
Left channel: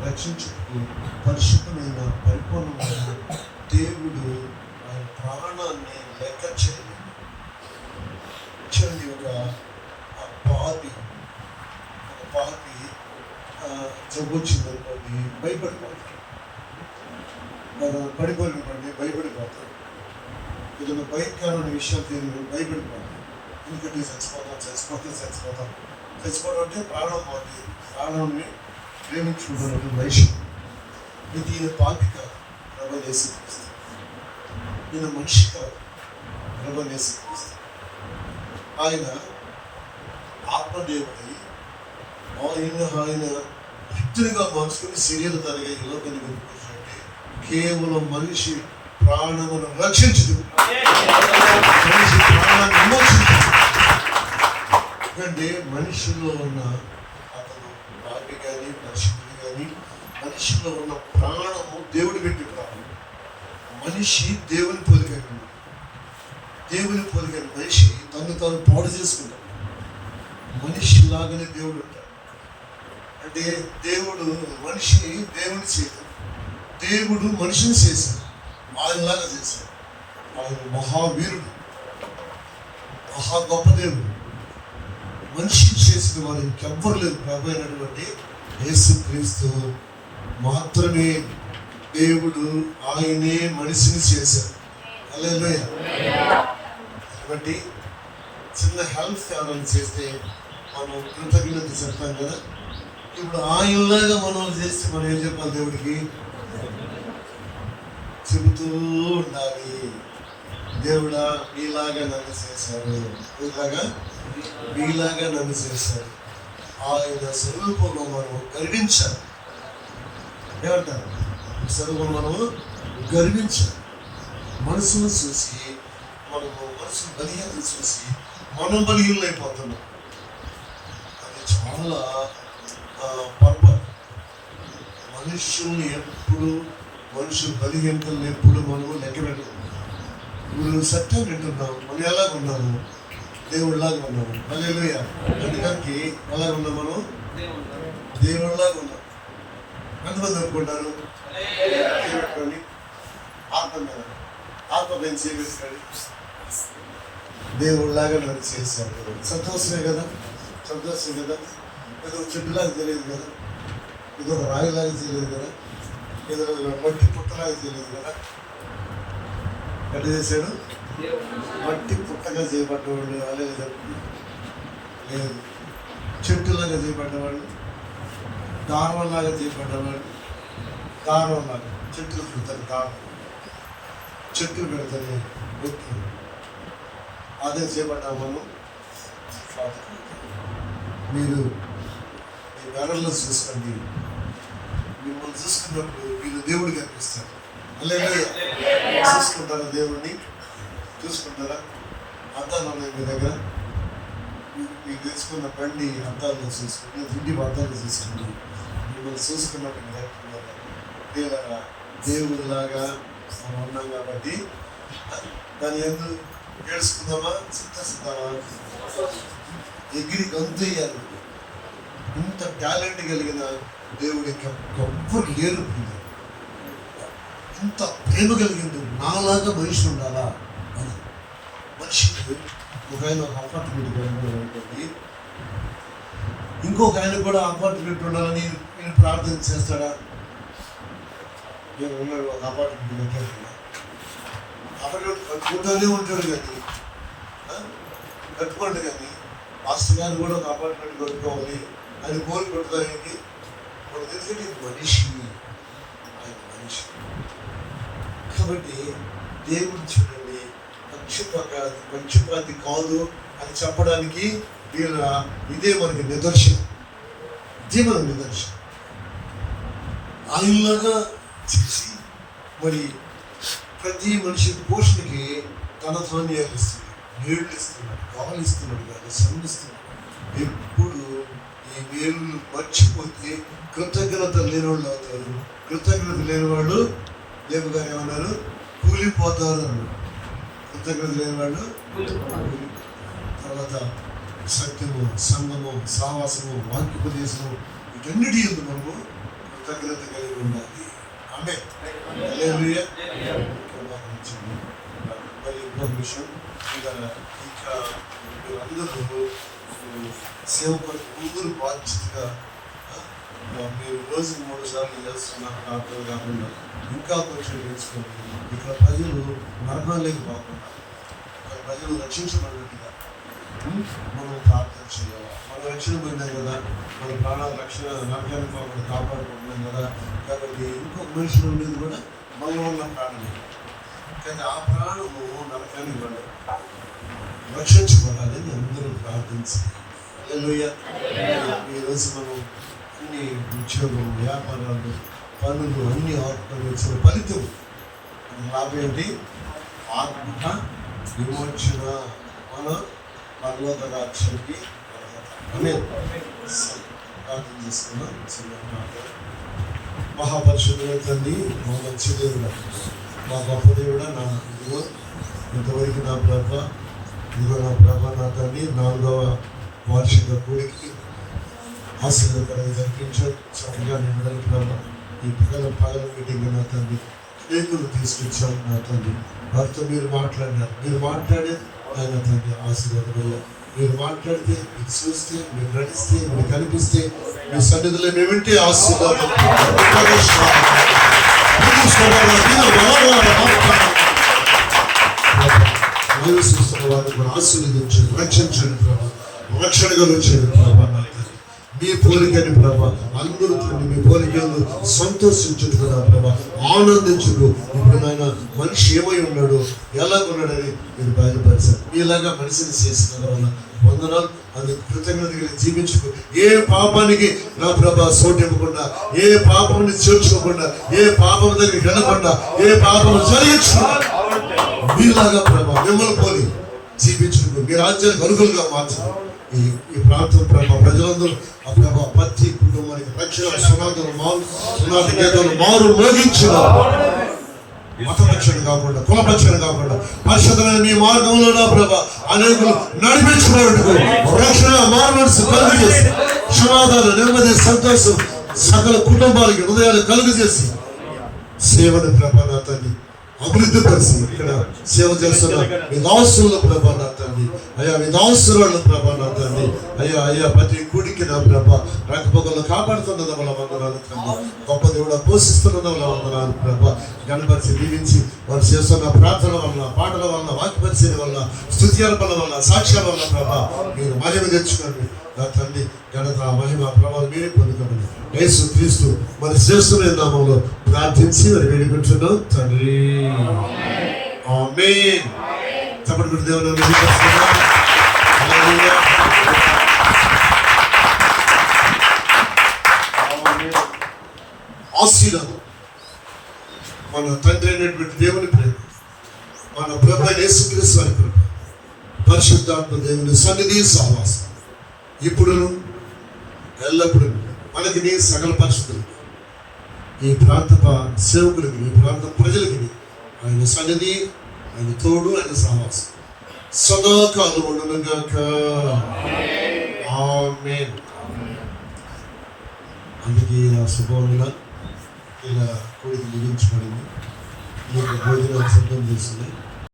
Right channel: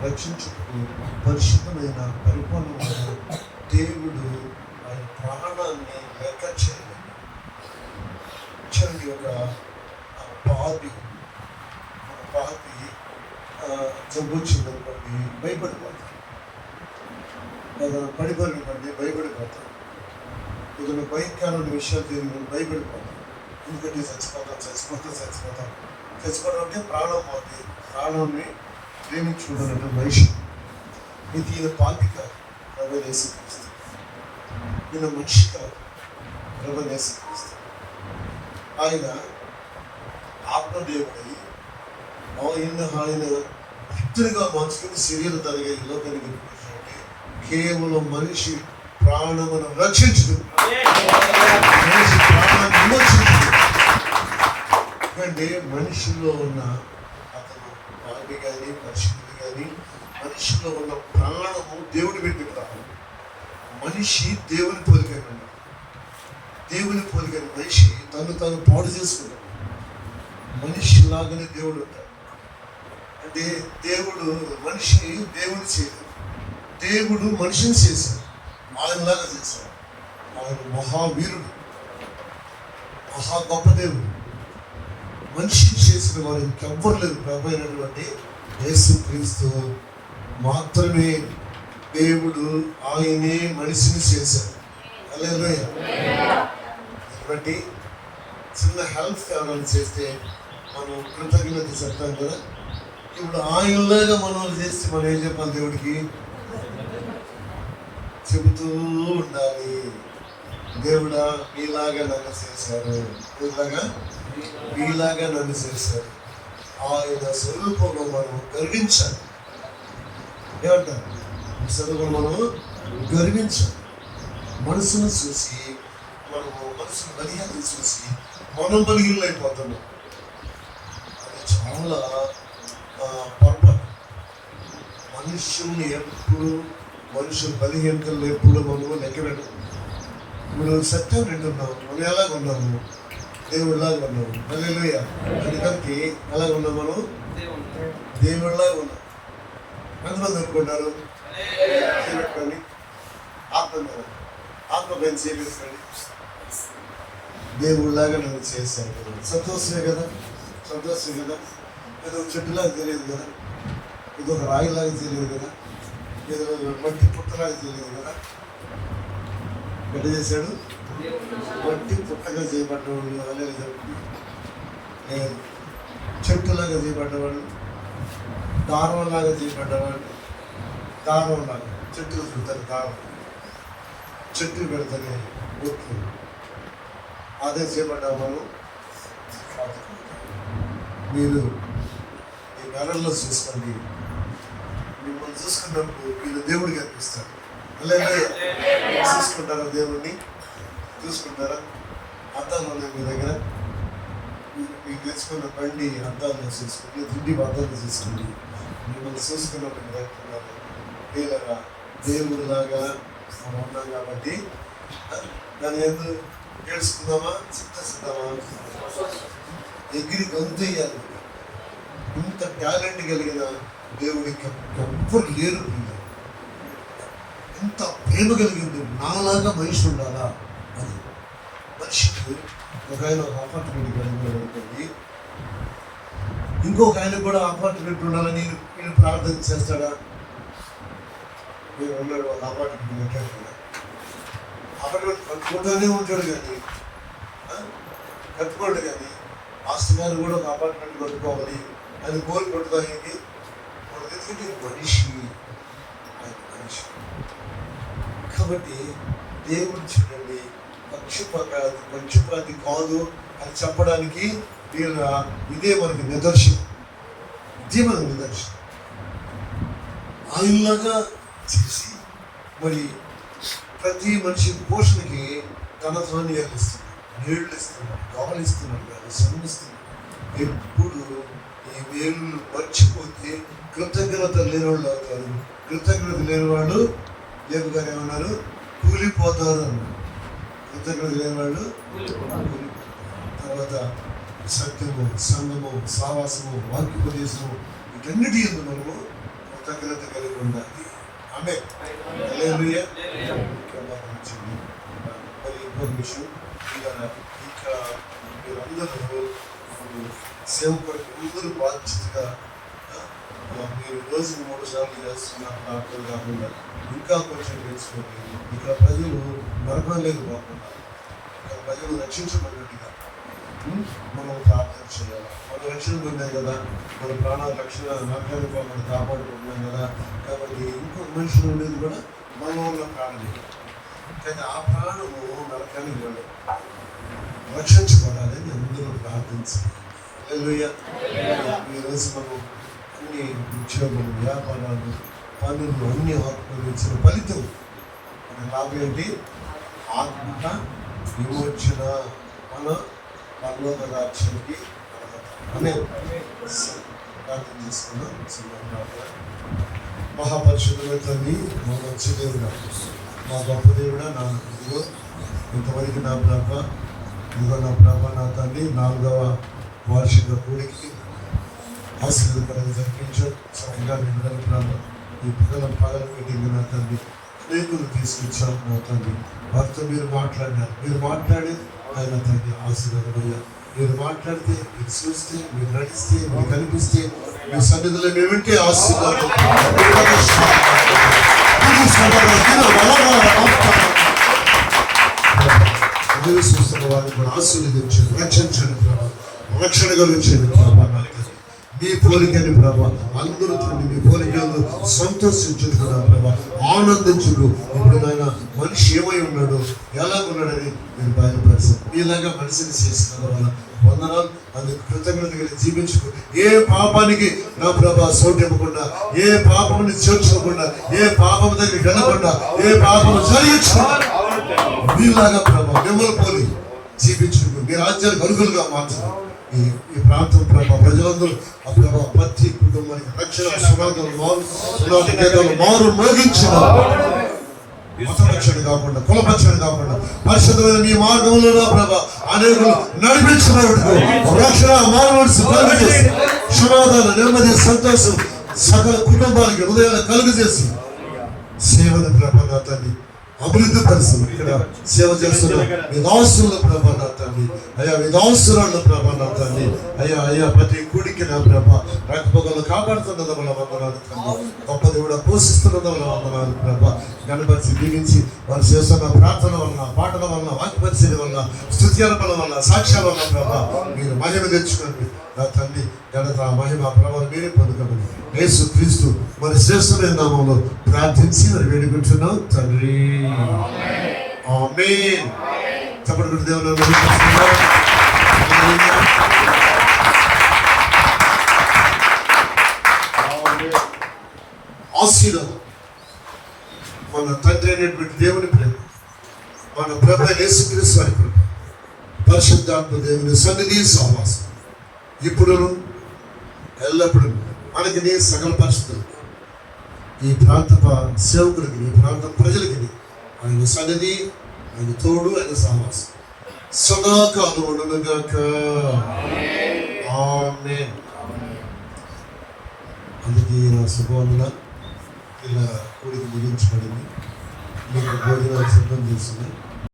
రక్షించుటకు పరిశుద్ధమైన పరిపూర్ణమైన దేవుడు ఆయన ప్రాణాన్ని లెక్క చేయలేదు. ఒక పాపి జబ్బు వచ్చిందనుకోండి భయపడిపోతారు. పడిపోయినటువంటి భయపడిపోతారు. ఏదైనా భయంకరమైన విషయాలు తెలియదు భయపడిపోతారు. ఎందుకంటే చచ్చిపోవడం అంటే ప్రాణం పోతుంది. ప్రాణాన్ని ప్రేమించుకుంటున్నటువంటి మనిషి. ఇది ఈయన పాపి కాదు, ప్రభు యేసుక్రీస్తు. ఈయన మనిషి కాదు, ప్రభు యేసుక్రీస్తు. ఆయన ఆత్మదేవుడై ఆయన భక్తునిగా మార్చుకుని శరీర తరగా ఈ లోకానికి వచ్చాడంటే కేవలం మనిషి ప్రాణమును రక్షించదు, మనిషి ప్రాణాన్ని విమోచించదు. ఎందుకంటే మనిషిలో ఉన్న అతను పాపి కానీ పరిశుద్ధులు కానీ మనిషిలో ఉన్న ప్రాణము దేవుడు పెట్టి ప్రాణం. మనిషి దేవుని పోలికైన దేవుని పోలికైన మనిషి తను తాను పాడు చేసుకుంటాడు. మనిషిలాగానే దేవుడు ఉంటాడు. అంటే దేవుడు మనిషిని దేవుడు చేయడు, దేవుడు మనిషిని చేశాడు, ఆయనలాగా చేశాడు. ఆయన మహావీరుడు, మహా గొప్ప దేవుడు. మనిషిని చేసిన వారు ఇంకెవ్వరు లేరు. ప్రభు అయినటువంటి యేసుక్రీస్తు మాత్రమే దేవుడు, ఆయనే మనిషిని చేశాడు. హల్లెలూయా. కాబట్టి చిన్న హెల్ప్ ఎవరైనా చేస్తే మనం కృతజ్ఞత చెప్తాం కదా. ఇప్పుడు ఆయనలాగా మనం చేస్తే మనం ఏం చెప్పాలి? దేవుడికి చెబుతూ ఉండాలి, దేవుడా మీలాగా నన్ను చేశారు, మీలాగా నన్ను చేశారు. ఆయన స్వరూపంలో మనం గర్వించాలి. ఏమంటారు? స్వరూపంలో మనం గర్వించాలి. మనసును చూసి మనము మనసు బలహీనత చూసి మనం బలహీనలు అయిపోతున్నాం. అది చాలా పొరపాటు. మనుషుల్ని ఎప్పుడు మనుషుల బలహీనతలను ఎప్పుడు మనము లెక్క పెట్టము. ఇప్పుడు సత్యం వింటున్నాము, మనం ఎలాగ ఉన్నాము? దేవుడిలాగా ఉన్నాము. హల్లెలూయా. అందుకని ఎలాగ ఉన్నాం? మనం దేవుడిలాగా ఉన్నాం. ఎంతమంది అనుకుంటారు? ఆత్మ పెంచి చేయండి. దేవుడిలాగా నన్ను చేశాడు. సంతోషమే కదా, సంతోషం కదా. ఏదో చెట్టులాగా తెలియదు కదా, ఏదో ఒక రాయిలాగా తెలియదు కదా, ఏదో మట్టి పుట్టలాగా తెలియదు కదా. ఎట్లా చేశాడు? మట్టి పుట్టగా చేయబడ్డవాడు అనేది లేదు, చెట్టులాగా చేయబడ్డవాడు, దారంలాగా చేయబడ్డవాడు. దారంలాగా చెట్టులు పెడతారు, దారం చెట్టులు పెడతారు, వ్యక్తులు అదే చేయబడ్డా మనం. మీరు ఈ వేళల్లో చూసుకోండి, మిమ్మల్ని చూసుకున్నప్పుడు మీరు దేవుడికి అనిపిస్తారు. అలాగే చూసుకుంటారా? దేవుడిని చూసుకుంటారా? అద్దాలు ఉన్నాయి మీ దగ్గర, మీరు తెచ్చుకున్న బండి అద్దాల్లో చూసుకోండి, దుడ్డి అద్దాలు చూసుకోండి. మిమ్మల్ని చూసుకున్నప్పుడు దేవులాగా దేవుడిలాగా మనం ఉన్నాం కాబట్టి దాన్ని ఎందుకు ఏడుచుకుందామా? సిద్ధిద్దామా? ఎగిరి గొంతు వేయాలి. ఇంత టాలెంట్ కలిగిన దేవుడికి ఎవ్వరు లేరు. ఇంత ప్రేమ కలిగింది. నాలాగా మనిషి ఉండాలా అని. మనిషికి ఒక ఆయన ఒక అపార్ట్మెంట్ కలిగి ఉంటుంది, ఇంకొక ఆయన కూడా అపార్ట్మెంట్ ఉండాలని నేను ప్రార్థన చేస్తాడా? నేను ఉన్నాడు ఒక అపార్ట్మెంట్ పెట్టాడు, అపార్ట్మెంట్ కట్టుకుంటూనే ఉంటాడు కానీ కట్టుకోండి కానీ మాస్టర్ గారు కూడా ఒక అపార్ట్మెంట్ కొట్టుకోవాలి అని కోరుకుంటుందానికి మన తెలిసి మనిషి, ఆయన మనిషి. కాబట్టి దేవుడు చూడండి, పక్షపాతి కాదు అని చెప్పడానికి ఇదే మనకి నిదర్శనం. ఇదే మన నిదర్శనం. ఆయనలాగా చేసి మరి ప్రతి మనిషి పోషణకి తన ధాన్యాలు ఇస్తున్నాడు, నీళ్లు ఇస్తున్నాడు, గాలి ఇస్తున్నాడు కాదు, శ్రమిస్తున్నాడు. ఎప్పుడు ఈ మేలు మర్చిపోతే కృతజ్ఞత లేని వాళ్ళు అవుతారు. కృతజ్ఞత లేని వాళ్ళు దేవుగా ఏమన్నారు? కూలిపోతారు అన్నారు. కృతజ్ఞత లేని వాళ్ళు తర్వాత సత్యము, సంగము, సావాసము, వాక్యోపదేశము, వీటన్నిటి యందు మనము కృతజ్ఞత కలిగి ఉండాలి. ఆమె హల్లెలూయా. మరి ఇంకొక విషయం, ఇంకా మీరందరూ సేవకుడికి అందరూ బాధ్యతగా మీరు రోజు 3 సార్లు చేస్తున్నారు కాకుండా ఇంకా కొంచెం తెలుసుకోండి. ఇక్కడ ప్రజలు నరకంలోకి పోకుండా, ఇక్కడ ప్రజలు రక్షించబడినట్టుగా మనం ప్రార్థన చేయాలి. మనం రక్షణ పొందాం కదా, మన ప్రాణాల రక్షణ నరకాలుగా మనం కాపాడుకుంటున్నాం కదా. కాబట్టి ఇంకొక మనిషి ఉండేది కూడా మన వల్ల ప్రాణం, కానీ ఆ ప్రాణము నరకానికి వెళ్ళదు, రక్షించబడాలని అందరూ ప్రార్థించాలి. హల్లెలూయా. ఈరోజు మనం అన్ని ఉద్యోగం, వ్యాపారాలు, పనులు అన్ని ఆత్మలు ఇచ్చిన ఫలితం లాభం ఏంటి? ఆత్మ విమోచన, మన పరలోక రాజ్యానికి ఆమేన్. ప్రార్థన చేసుకున్నాం. మహాపరిశుద్ధుల తండ్రి, మా మంచి దేవుడా, మా గొప్ప దేవుడా, నా ఇదిగో ఇంతవరకు నా ప్రభ, ఇదిగో నా ప్రభ, నా తండ్రి 4వ వార్షిక కూడికి ఆశీర్వాదకరంగా జరిపించారు. చక్కగా నిండలు ప్రభ, ఈ పగల మీటింగ్ నా తండ్రి అనేకులు తీసుకొచ్చారు నా తండ్రి. వారితో మీరు మాట్లాడినారు. మీరు మాట్లాడి ఆయన తండ్రి ఆశీర్వాదమయ్యా. మీరు మాట్లాడితే, మీరు చూస్తే, మీరు నడిస్తే, మీరు కనిపిస్తే, మీ సన్నిధిలో మేము వింటే ఆశీర్వాదం. చూస్తున్న వారిని ఆశీర్వదించండి, రక్షించండి ప్రభావ, రక్షణగా వచ్చేది ప్రభావ. మీ పోలికని ప్రభా, అందరూ తండ్రి మీ పోలికలు సంతోషించదు కదా ప్రభా, ఆనందించుడు. ఇప్పుడు నాయన మనిషి ఏమై ఉన్నాడు, ఎలాగున్నాడని మీరు బయలుపరిచారు. మీలాగా మనిషిని చేసిన వల్ల వందనాలు. అందుకు కృతజ్ఞతగా జీవించుకో. ఏ పాపానికి నా ప్రభా సోటు ఇవ్వకుండా, ఏ పాపముని చేర్చుకోకుండా, ఏ పాపం దగ్గర వినకుండా, ఏ పాపము జరిగించకుండా మీలాగా ప్రభా మిమ్మల్ని పోలి జీవించుకో. మీ రాజ్యానికి అనుగుణంగా మార్చండి. ఈ ప్రాంతం ప్రభా ప్రజలందరూ ఆ ప్రభా ప్రతి కుటుంబానికి రక్షణ సునాదలు మారు మోగించిన మతపక్షణ కాకుండా, కులపక్షణ కాకుండా పరిశుద్ధమైన మీ మార్గంలో నా ప్రభా అనేకులు నడిపించినట్టు రక్షణ మానవసు కలుగు చేసి సునాదాలు, నెమ్మది, సంతోషం సకల కుటుంబాలకి హృదయాలు కలుగు చేసి సేవను ప్రభా నా తండ్రి అభివృద్ధి పరిస్థితి ఇక్కడ సేవ చేస్తున్న మీ దాసుల్లో ప్రభా నా తండ్రి, అయ్యా మీ దాసురాళ్ళు ప్రభా నా తండ్రి, అయ్యా ప్రతి గుడికి నా ప్రభా రకపగలు కాపాడుతున్నది వల్ల వందనాలు తండ్రి. గొప్ప దేవుడు పోషిస్తున్నది వల్ల వందనాలు ప్రభా. గణపరిచి దీవించి వారు చేస్తున్న ప్రార్థన వలన, పాటల వలన, వాక్య పరిచయం వలన, స్తుత్యార్పణ వలన, సాక్ష్యాల వలన ప్రభా మీరు మహిమ తెచ్చుకోండి నా తండ్రి. ఘనత మహిమ ప్రభావం మీరే పొందుకోండి. యేసు క్రీస్తు మరి శ్రేష్ఠమైన నామంలో ప్రార్థించి మరి వేడుకుంటున్నాం తండ్రి. ఆమేన్. తప్పటి గుడి దేవుని ఆశీర్వాదం మన తండ్రి అయినటువంటి దేవుని ప్రేమ, మన ప్రభు యేసు క్రీస్తు వారి కృప, పరిశుద్ధాత్మ దేవుని సన్నిధి సహవాసం ఇప్పుడు ఎల్లప్పుడూ మనకి నీ సకల పరిస్థితులు ఈ ప్రాంత సేవకులకి, ఈ ప్రాంత ప్రజలకి ఆయన సన్నిధి, ఆయన తోడు, ఆయన సహవాసం సదాకాలం ఉండనుగాక. ఆమేన్. అందుకే ఇలా శుభముల ఇలా కూడికి ముగించబడింది. మీకు భోజనాలు సిద్ధం చేసింది.